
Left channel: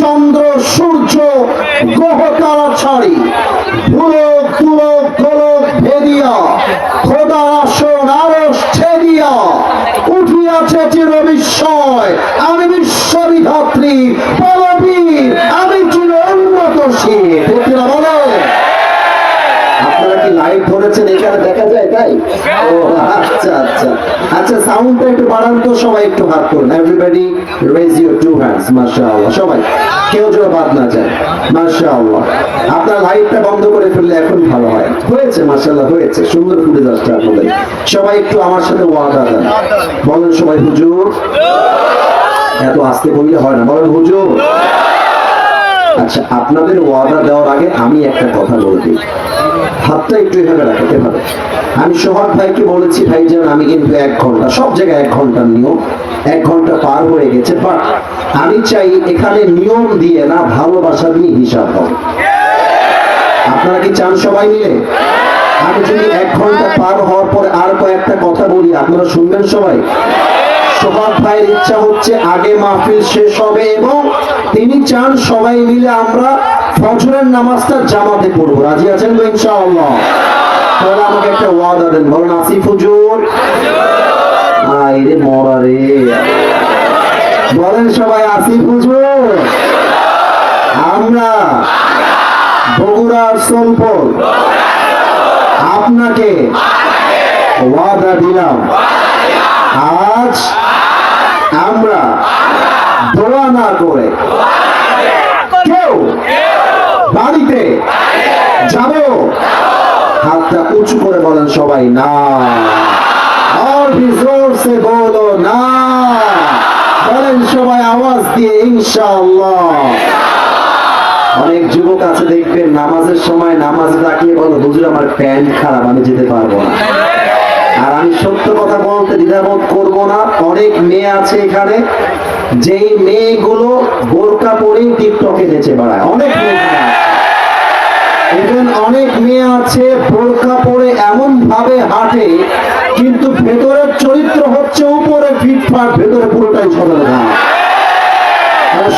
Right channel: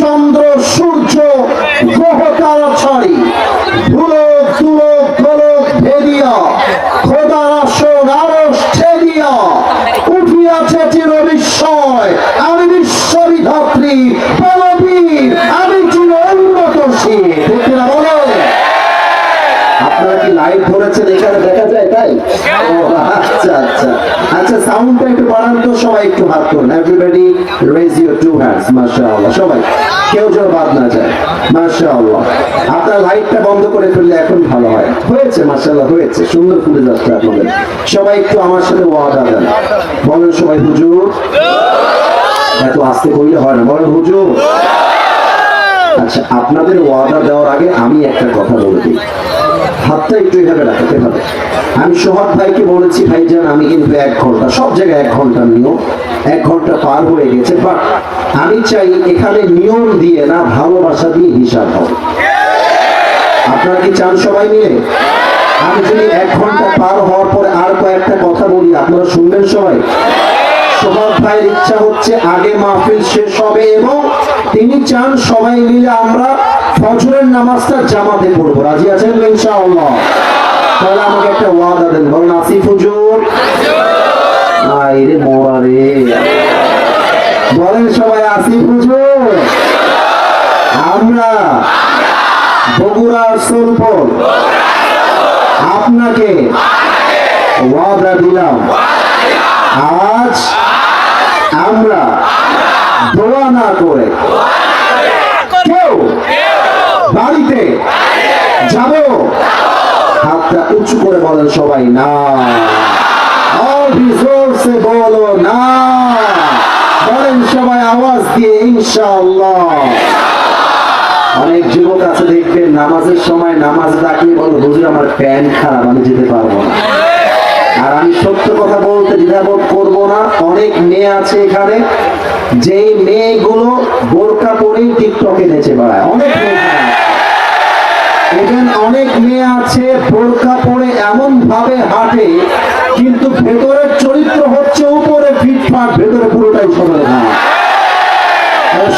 চন্দ্র সূর্য গ্রহ তারা ছাড়ি, ভুলক তুলক গোলক ভেদিয়া, খোদার আসন আরশ ছেদিয়া, উঠিয়াছে চির বিস্ময়, আমি বিশ্ববিধাত্রী, বলবীর, আমি চির উন্নত শির। বলে আপনারা কি লাইভ ধরেছেন, এখানে দেখা যায় তাই? ও আচ্ছা আচ্ছা আচ্ছা, সাউন্ডটা একটু বাড়ান তো, সবাই একটু হাত তুলুন। Everybody raise your 2 hands. মাশাআল্লাহ, সবাই, কেউ যেন বাদ না যায়। মাশাআল্লাহ, আপনার লাইটটা বন্ধ করে ফেললে এখন ভালো হয়। হয়েছে, মাশাআল্লাহ হয়েছে, সুন্দর ফুটে যাচ্ছে আপনাদের। সবাই একটু আমার সাথে ওয়াদা দেন, বলেন সবাই হুজুর। এত আস্তে বললে হয় না, বলেন হুজুর। আচ্ছা, আপনাদের ওয়াদা দেওয়ার আগে আমি একটা কথা বলে দিই, হাতটা একটু এভাবে রাখতে হবে। আমি সোহাগ ভাইকে বলেছি, ভাইজান আমি কিন্তু 1 ঘন্টা, সব জায়গায় 1 ঘন্টার নিয়ম, 1 ঘন্টা পার হয়ে গেছে, বাট আমি চাই এখানে নিয়ম দিয়ে না, ভালোবাসা দিয়ে হিসাব হবে। আপনারা কি চান সবাই মিলে? আমি যদি 1 ঘন্টা পার হওয়ার পরে আর কয়েকটা কথা বলি, আপনারা শুনবেন সবাই? সোহাগ ভাইয়ের ইচ্ছা হচ্ছে আগে মাহফিল শেষ হবে এবং তিনি চান সবাই মিলে আমরা ফজরের নামাজটা জামাতে পড়বো। রাজি আছেন তো ইনশাআল্লাহ? তাহলে আমাকে একটা ওয়াদা দেন, বলেন আসিফ হুজুর। আরে মরা রে, বলেন সবাই আসিফ হুজুর। আমরা বগুড়ার সোলপুর আপনাকে ওয়াদা দিলাম, আজ আমরা দোয়া না করে কেউ বাড়িতে যাব। হাতটা উঁচু করে বলেন সবাই না, আর জোর সে বলো না, বলেন সবাই আওয়াজ দিয়ে ইনশাআল্লাহ। অনেক যুবক আছে দেখবেন নামাজের সময় নামাজ ডাকিয়ে বলো, হুজুর আমার প্যান্ট খারাপ, আমি যেতে পারবো না। আর আমি সত্য কথা বলতে দ্বিধাবোধ করবো না, অনেক মেয়ে আছে এখানে যেই মেয়েগুলো বোরকা পরেই টিকটকে নেচে বেড়ায়, অনেক মেয়ে। অনেক মেয়ে আছে বোরকা পরে এমন ভাবে হাঁটে কিন্তু ভেতরের চরিত্র হচ্ছে উপরে ফিটফাট, ভেতরে পুরোটাই সরলতা।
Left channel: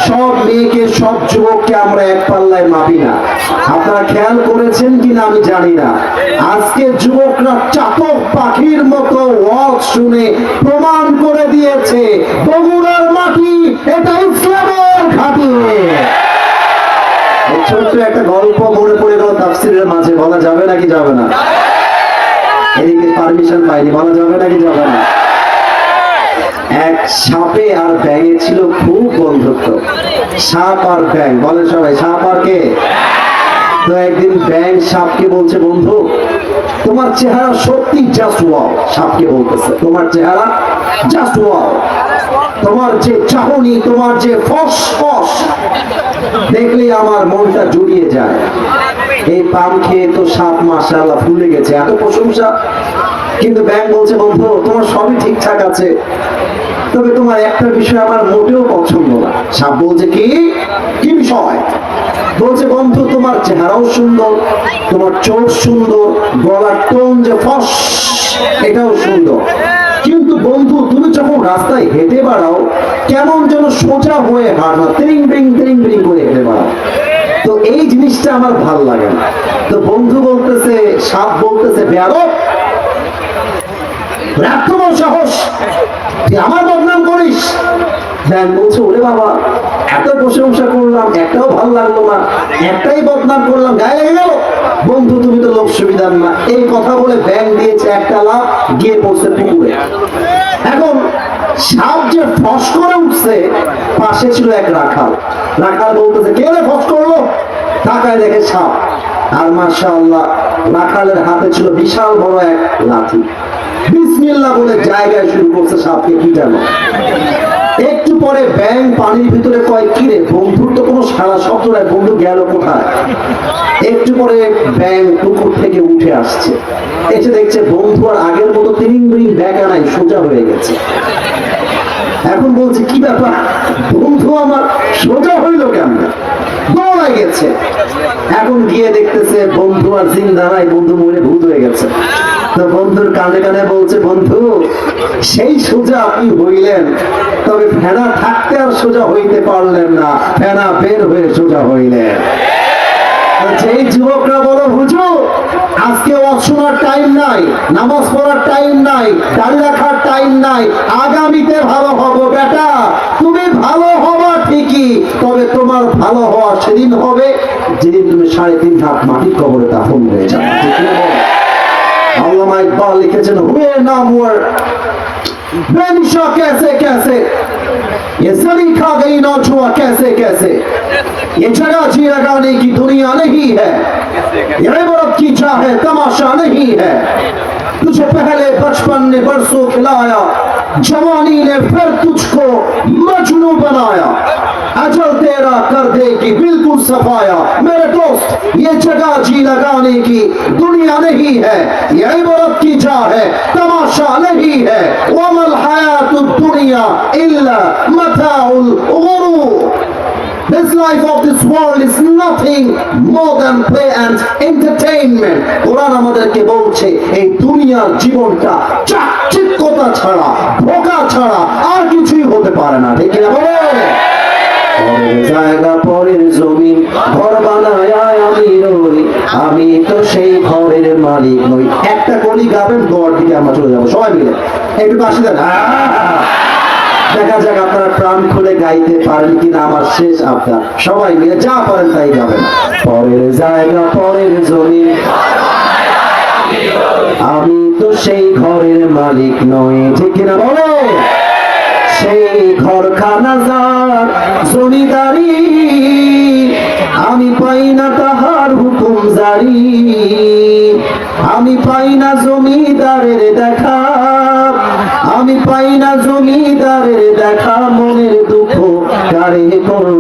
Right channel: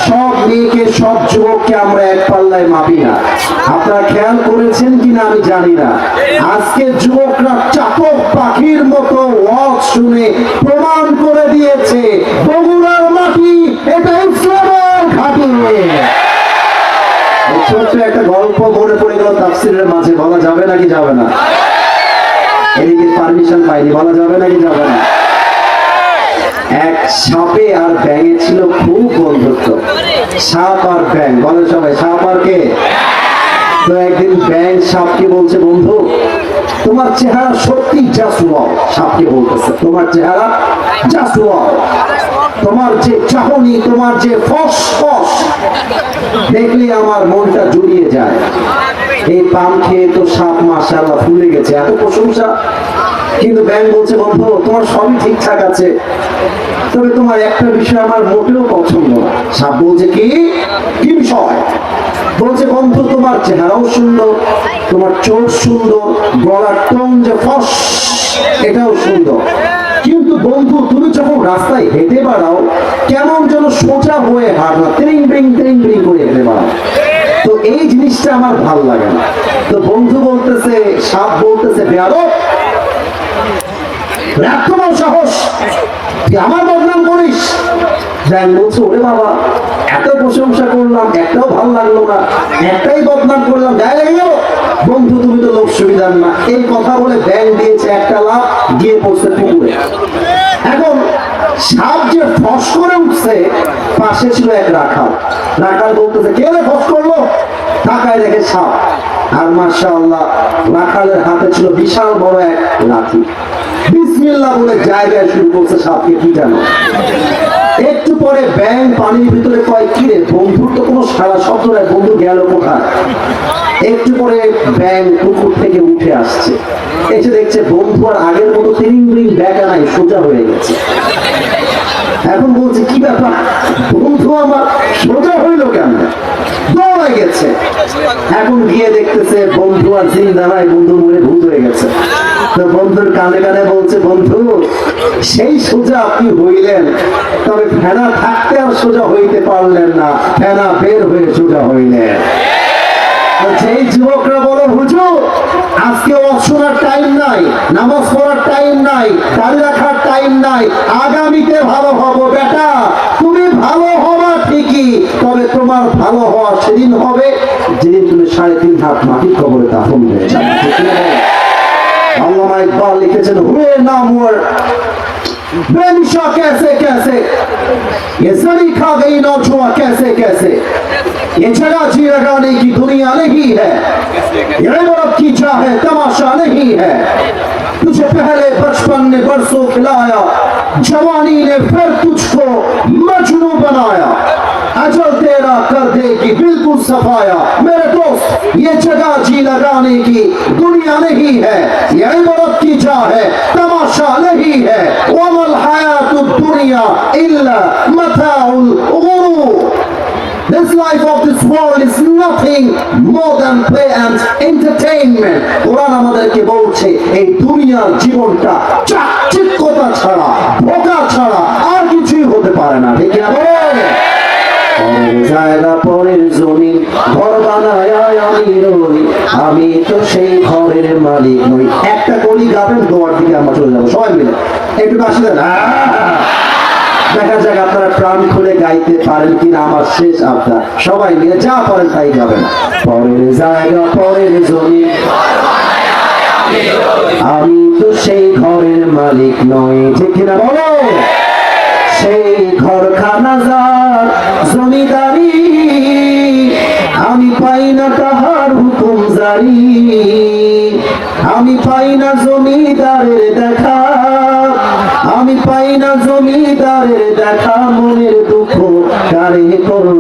সব মেয়েকে সব যুবককে আমরা এক পাল্লায় মাপি না। আপনারা খেয়াল করেছেন কিনা আমি জানি না, আজকে যুবকরা চাতক পাখির মতো ওয়াজ শুনে প্রমাণ করে দিয়েছে বগুড়ার মাটি এটা ইসলামের ঘাঁটি। ছোট্ট একটা গল্প মনে পড়ে গেল তাফসীরের মাঝে, বলা যাবে নাকি যাবে না? এদিকে পারমিশন পাইনি, বলা যাবে নাকি যাবে না? এক সাপে আর ব্যাঙে ছিল খুব বন্ধুত্ব, সাপ আর ব্যাঙ, বলে সবাই সাপ আর কে? তো একদিন ব্যাঙ সাপকে বলছে, বন্ধু তোমার চেহারা সত্যি জাস্ট ওয়াও। সাপকে বলতেছে, তোমার চেহারা জাস্ট ওয়াও, তোমার যে চাহনি, তোমার যে ফসফস দেখলে আমার মনটা জুড়িয়ে যায়। এই পাম খেয়ে তো সাপ মাশাআল্লাহ ফুলে গেছে, এত প্রশংসা। কিন্তু ব্যাঙ বলছে, বন্ধু তোমার সবই ঠিকঠাক আছে, তবে তোমার একটা বিষয় আমার মোটেও পছন্দ না। সাপ বলছে, কি কি বিষয়? বলছে, বন্ধু তোমার চেহারাও সুন্দর, তোমার চোখ সুন্দর, গলার টোন যে ফস এটাও সুন্দর, কিন্তু বন্ধু তুমি যখন রাস্তায় হেঁটে বেড়াও কেমন যেন সোজা হয়ে হাঁটো, ত্রিং ব্রিং করে হেঁটে বেড়াও, তো এই জিনিসটা আমার ভাল লাগে না। তো বন্ধু বলতেছে, সাপ বলতেছে, বেয়াদব, রাখ তোমার সাহস, তুই আমার বদনাম করিস। ব্যাঙ বলছে, ওরে বাবা এত প্রশংসা করলাম একটাও ভালো লাগলো না, একটাই বদনাম করলাম, গায়ে লেগে গেল। বন্ধু তুমি তো লোক সুবিধার না। এই কথা বলে ব্যাঙ দিয়েছে একটা লাফ, গিয়ে পড়ছে পুকুরে। এখন সাপ যে ফস করে উঠছে, পাশে ছিল এক রাখাল। রাখাল বলতেছে, কে রে ফস করলো? তাকায় দেখে সাপ, আর মাশাআল্লাহ রাখালের হাতে ছিল বিশাল বড় এক লাঠি। বিসমিল্লাহ বলে জায়গায় শুরু করছে সাপকে পিটানো। একটু পরে ব্যাঙ পানির ভিতরে কয়, কি রে বন্ধুর তো কোনো সারা শব্দ নাই, বন্ধু গেল কোথায়? একটু পরে ব্যাঙ পুকুর থেকে উঠে আসছে, এসে দেখছে বন্ধু আর আগের মতো তিরিং ব্যাকা নাই, সোজা হয়ে গেছে। এখন বলছে, কি ব্যাপার বন্ধু আমার সোজা হইল কেন? দৌড়ায় গেছে। এখন গিয়ে দেখতেছে বন্ধু আর জিন্দা নাই, বন্ধু মরে ভূত হয়ে গেছে। তো বন্ধুর কানে কানে বলছে, বন্ধু সেই সোজা আপনি হইলেন, তবে ফেনা থাকতে আর সোজা হইতে পারলেন না, ফেনা বের হয়ে সোজা হইলেন। যেই যুবকরা বলো, হুজুর আজকে অশোনার টাইম নাই, নামাজ পড়ার টাইম নাই, দাড়ি রাখার টাইম নাই, আগামীতে ভালো হব। বেটা তুমি ভালো হবা ঠিকই, তবে তোমার ভালো হওয়া সেদিন হবে যেদিন তুমি 3.5 হাত মাটির কবরে দাফন হয়ে যাবে। আল্লামা ইকবাল লিখেছেন, হুয়ে না মোর बेनिशा कैसे कैसे, ये सरी खा गई नौछुआ कैसे कैसे, ये जगह जी लगाने की दुनिया नहीं है, ये इबारत की चाहे तमाशा नहीं है। तुझे पहले बचपन ने बरसों खिलाया, जवानी ने फिर तुझको मजनू बनाया। अजल तेरा कर देगी बिल्कुल सफाया। मेरे दोस्त ये जगह जी लगाने की दुनिया नहीं है, ये इबारत की जा है, तमाशा नहीं है। वमल हयातुद दुनिया इल्ला मताउल गुरूर। This life of this world is nothing more than play and entertainment. কোরআন আমাদেরকে বলছে এই দুনিয়ার জীবনটা চাকচিক্যতা ছাড়া, ধোঁকা ছাড়া আর কিছুই হতে পারে না, ঠিক না বলে? পরের জায়গা পরের জমি ঘর বানায় আমি রই, আমি তো সেই ঘরের মালিক নই। একটা কলি গাবেন, গোয়ার দিকে আমরা চলে যাবো সবাই মিলে, একটু কাশি দেন। দেখা যাক আপনারা প্রাণ খুলে গাইতে পারেন কিনা আমার শেষ আবদার। সবাই মিলে যা পারেন তাই গাবেন। পরের জায়গা পরের জমি, আমি তো সেই ঘরের মালিক নই, ঠিক কিনা বলো? সেই ঘরখানা যার জমিদারি, আমি পাই না তাহার হুকুম জারি, আমি পাই না জমিদারের দেখা, আমি পাই না জমিদারের দেখা। মনের দুঃখ কারে কই,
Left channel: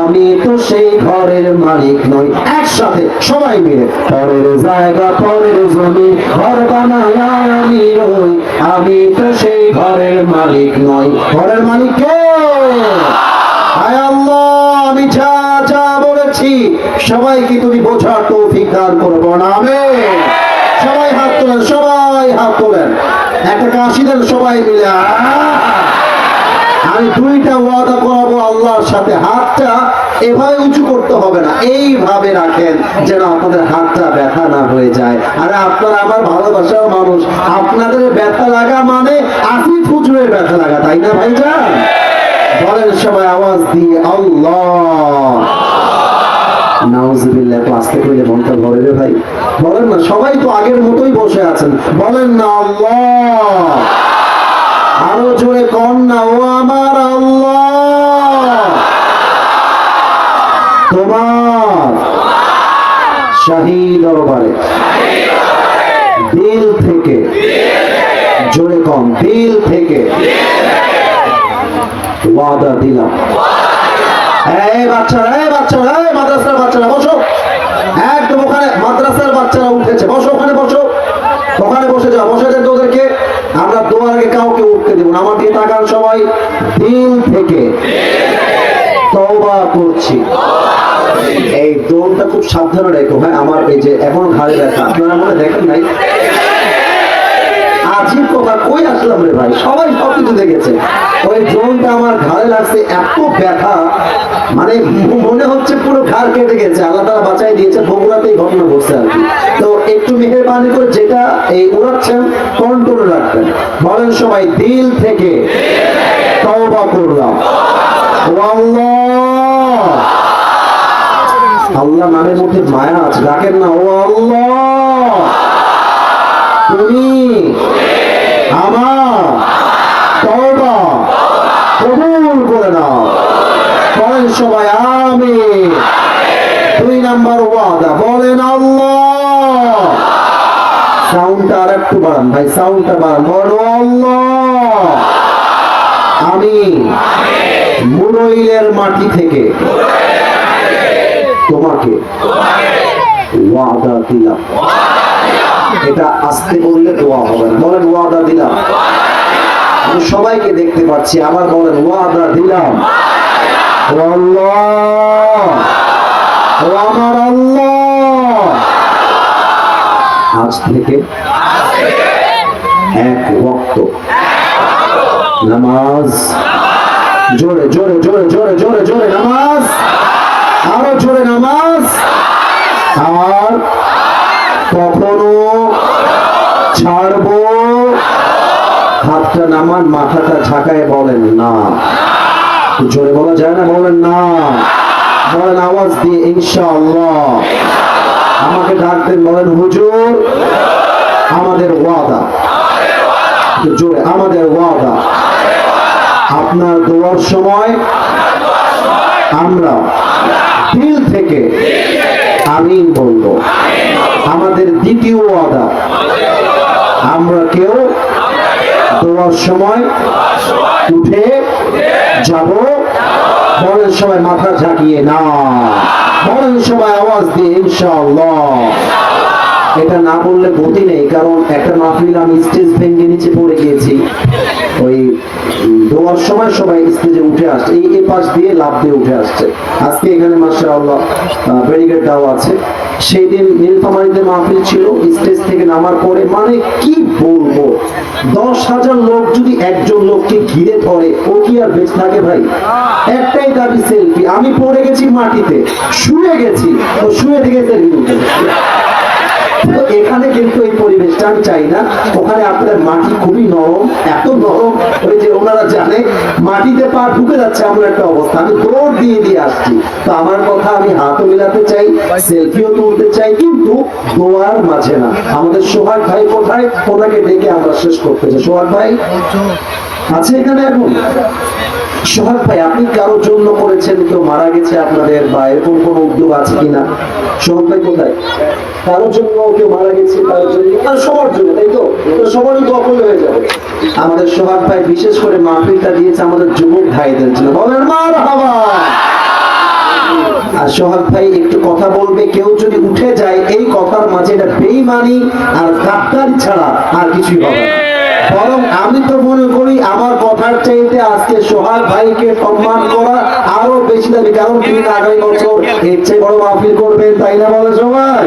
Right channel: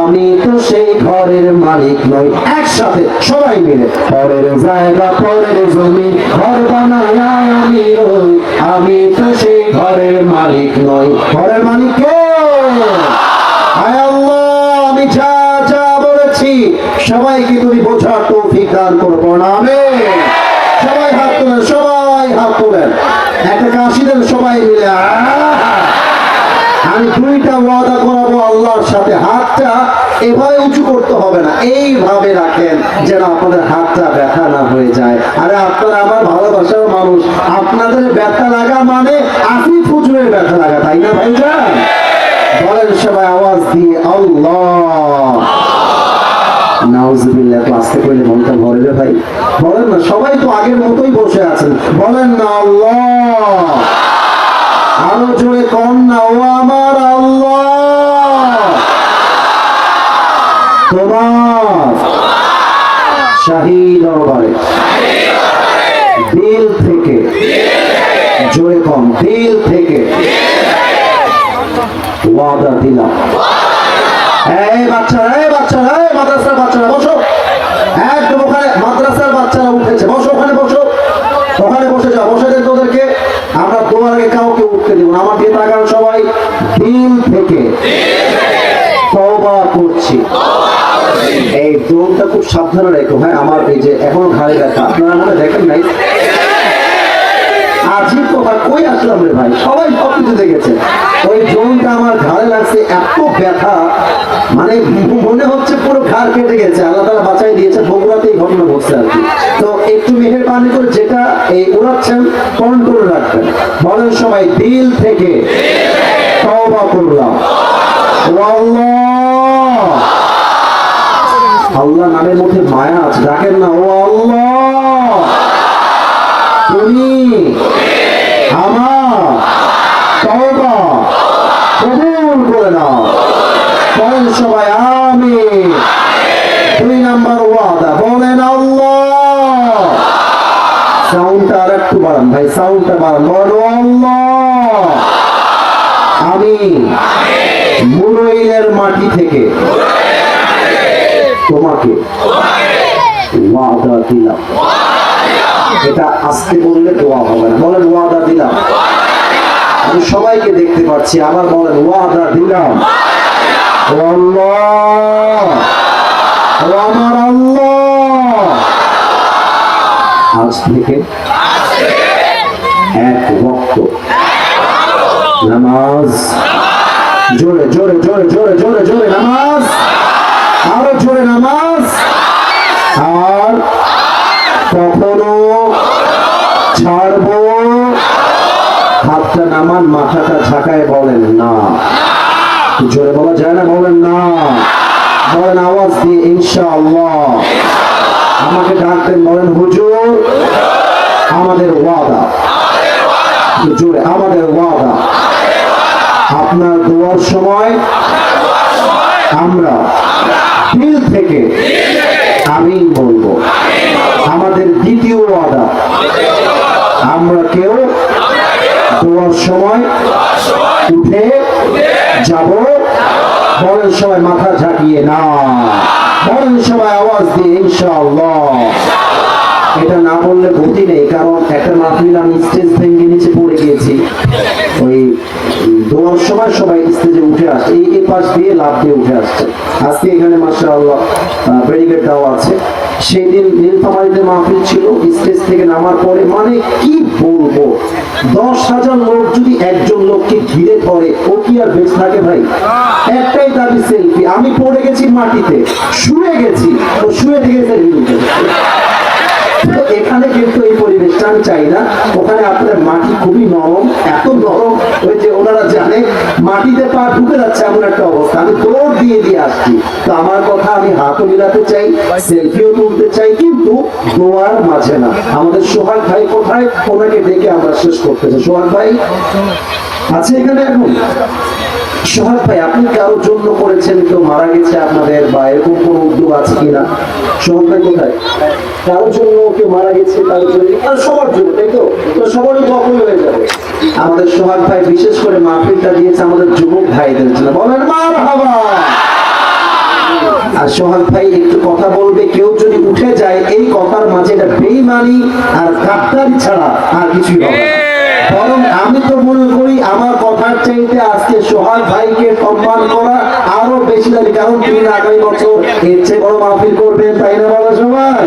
আমি তো সেই ঘরের মালিক নই। একসাথে সবাই মিলে পরের জায়গা পরের জমি ঘর বানায় আমি রই, আমি তো সেই ঘরের মালিক নই। ঘরের মালিক কে? আয় আল্লাহ, আমি যা যা বলেছি সবাইকে তুমি বোঝার তৌফিক দান করবো না। আমিন। সবাই হাত তোলেন, সবাই হাত তোলেন, একটা কাশি দেন সবাই মিলে। আমি দুইটা ওয়াদা করাবো আল্লাহর সাথে। হাতটা এভাবে উঁচু করতে হবে না, এইভাবে রাখেন যেন আপনাদের হাতটা ব্যথা না হয়ে যায়। আরে আপনারা আমার ভালোবাসার মানুষ, আপনাদের ব্যথা লাগা মানে আপনি ফুজুরের ব্যথা লাগা, তাই না ভাইজান? বলেন সবাই আওয়াজ দিয়ে আল্লাহ। নাউজুবিল্লাহ, তো আস্তে করলে মনটা ভরবে ভাই। বলেন না, সবাই তো আগের মতোই বসে আছেন, বলেন না আল্লাহ। আরো জোরে কম না, ও আমার আল্লাহ, তোমার শাহী দরবারে দিল থেকে, জোরে কম, দিল থেকে ওয়াদা দিলাম। এই বাচ্চারা, এই বাচ্চারা, এই মাদ্রাসার বাচ্চারা বসো, একদম ওখানে মাদ্রাসার বাচ্চারা উঠেছে, বসো ওখানে, বসো ওখানে, বসে যাও, বসে দেন তোদেরকে। আমরা দোয়ারে কাউকে উঠতে দেব না। আমার দিয়ে তাকান সবাই। দিল থেকে তওবা করছি। এই দোলটা খুব সাবধানে রেখো, হ্যাঁ? আমার এই যে এখনো ঘাড়ে ব্যথা, আপনারা মনে দেখেন নাই? আজিব কথা, কই আসলাম রে ভাই, সবাই সবকিছু দেখেছে। ওই ড্রোনটা আমার ঘাড়ে লাগছে, এত ব্যথা, মানে মনে হচ্ছে পুরো ঘাড় কেটে গেছে। আল্লাহ তাআলা বাঁচাই দিয়েছে, বগুড়াতেই ঘটনা ঘটছে আর কি। তো একটু মেহেরবানি করে যেটা এই উড়াচ্ছেন কন্ট্রোল রাখবেন। বলেন সবাই, দিল থেকে তওবা করলাম। ও আল্লাহ, আল্লাহ নামের মধ্যে মায়া আছে, ডাকেন না, ও আল্লাহ তুমি আমার তওবা কবুল করে নাও। বলেন সবাই আমিন। 2 নাম্বার ওয়াদা, বলেন আল্লাহ। সাউন্ডটা আর একটু বাড়ান ভাই, সাউন্ডটা বাড়ান। বলো আল্লাহ, আমি মুরইলের মাটি থেকে তোমাকে ওয়াদা দিলাম। এটা আস্তে বললে দোয়া হবে না, বলেন ওয়াদা দিলাম। আমি সবাইকে দেখতে পাচ্ছি, আবার বলেন ওয়াদা দিলাম। ও আল্লাহ, ও আমার আল্লাহ, আজ থেকে এক ওয়াক্ত নামাজ, জোরে জোরে জোরে জোরে জোরে জোরে নামাজ, আরো জোরে নামাজ, আর কখনো ছাড়বো। হাতটা নামান, মাথাটা ঝাঁকায় বলেন না। জোরে বলা যায় না, বলেন না, বলেন আওয়াজ দিয়ে ইনশাআল্লাহ। আমাকে ডাকতেন, বলেন হুজুর আমাদের ওয়াদা, জোরে আমাদের ওয়াদা, আপনার দোয়ার সময় আমরা দিল থেকে আমিন বলবো। আমাদের দ্বিতীয় ওয়াদা, আমরা কেউ দোয়ার সময় উঠে যাব বলেন সবাই মাথা ঝাঁকিয়ে না, বলেন সবাই আওয়াজ দিয়ে ইনশাআল্লাহ। এটা না বললে গতি নেই, কারণ একটা মাহফিল আমি স্টেজ ভেঙে নিচে পড়ে গিয়েছি, ওই দোয়ার সময় সবাই স্টেজে উঠে আসছে, এই পাশ দিয়ে লাভ দিয়ে উঠে আসছে। আজকে এখানে মাশাআল্লাহ ব্যারিকেড দেওয়া আছে। সেদিন নীলফামারীতে মাহফিল ছিল, স্টেজ থেকে নামার পরে মানে কি বলবো, 10,000 লোক যদি একজন লোককে ঘিরে ধরে, ও কি আর বেঁচে থাকে ভাই? একটাই দাবি সেলফি। আমি পড়ে গেছি মাটিতে, শুয়ে গেছি, তো শুয়ে থেকে সেলফি উঠে। তো এখানে কিন্তু এই পরিবেশটা আমি চাই না। ওখানে আপনার মাটি খুবই নরম, এত নরম ওই যে ওনারা জানে মাটিতে পা ঢুকে যাচ্ছে এমন একটা অবস্থা। আমি দৌড় দিয়ে দিয়ে আসছি। তো আমার কথা, আমি হাতও মিলাতে চাই, সেলফিও তুলতে চাই, কিন্তু দোয়ার মাঝে না। আমাদের সোহাগ ভাই কোথায়? ওনাকে ডেকে আমরা শেষ করতে চাই। সোহাগ ভাই আছে এখানে এখন? সোহাগ ভাই, আপনি কারোর জন্য করেছেন, কেউ মারা গেছে আপনাদের, বা এরকম কোন উদ্যোগ আছে কিনা? সোহাগ ভাই কোথায়? কারোর জন্য কেউ মারা গেছে, তার জন্য, সবার জন্য, তাই তো? তো সবারই কখন হয়ে যাবে। আমাদের সোহাগ ভাই বিশেষ করে মাহফিলটা দিয়েছে আমাদের যুবক ভাইদের জন্য। বলেন মারহাবা। আর সোহাগ ভাই একটু কথা বলবে, কেউ যদি উঠে যায় এই কথার মাঝে, এটা বেঈমানি আর গাদ্দারি ছাড়া আর কিছুই হবে না। বরং আমি তো মনে করি আমার কথার চাইতে আজকে সোহাগ ভাইকে সম্মান করা আরো বেশি দাবি, কারণ তিনি আগামী বছর এর চেয়ে বড় মাহফিল করবেন, তাই না বলে সবাই?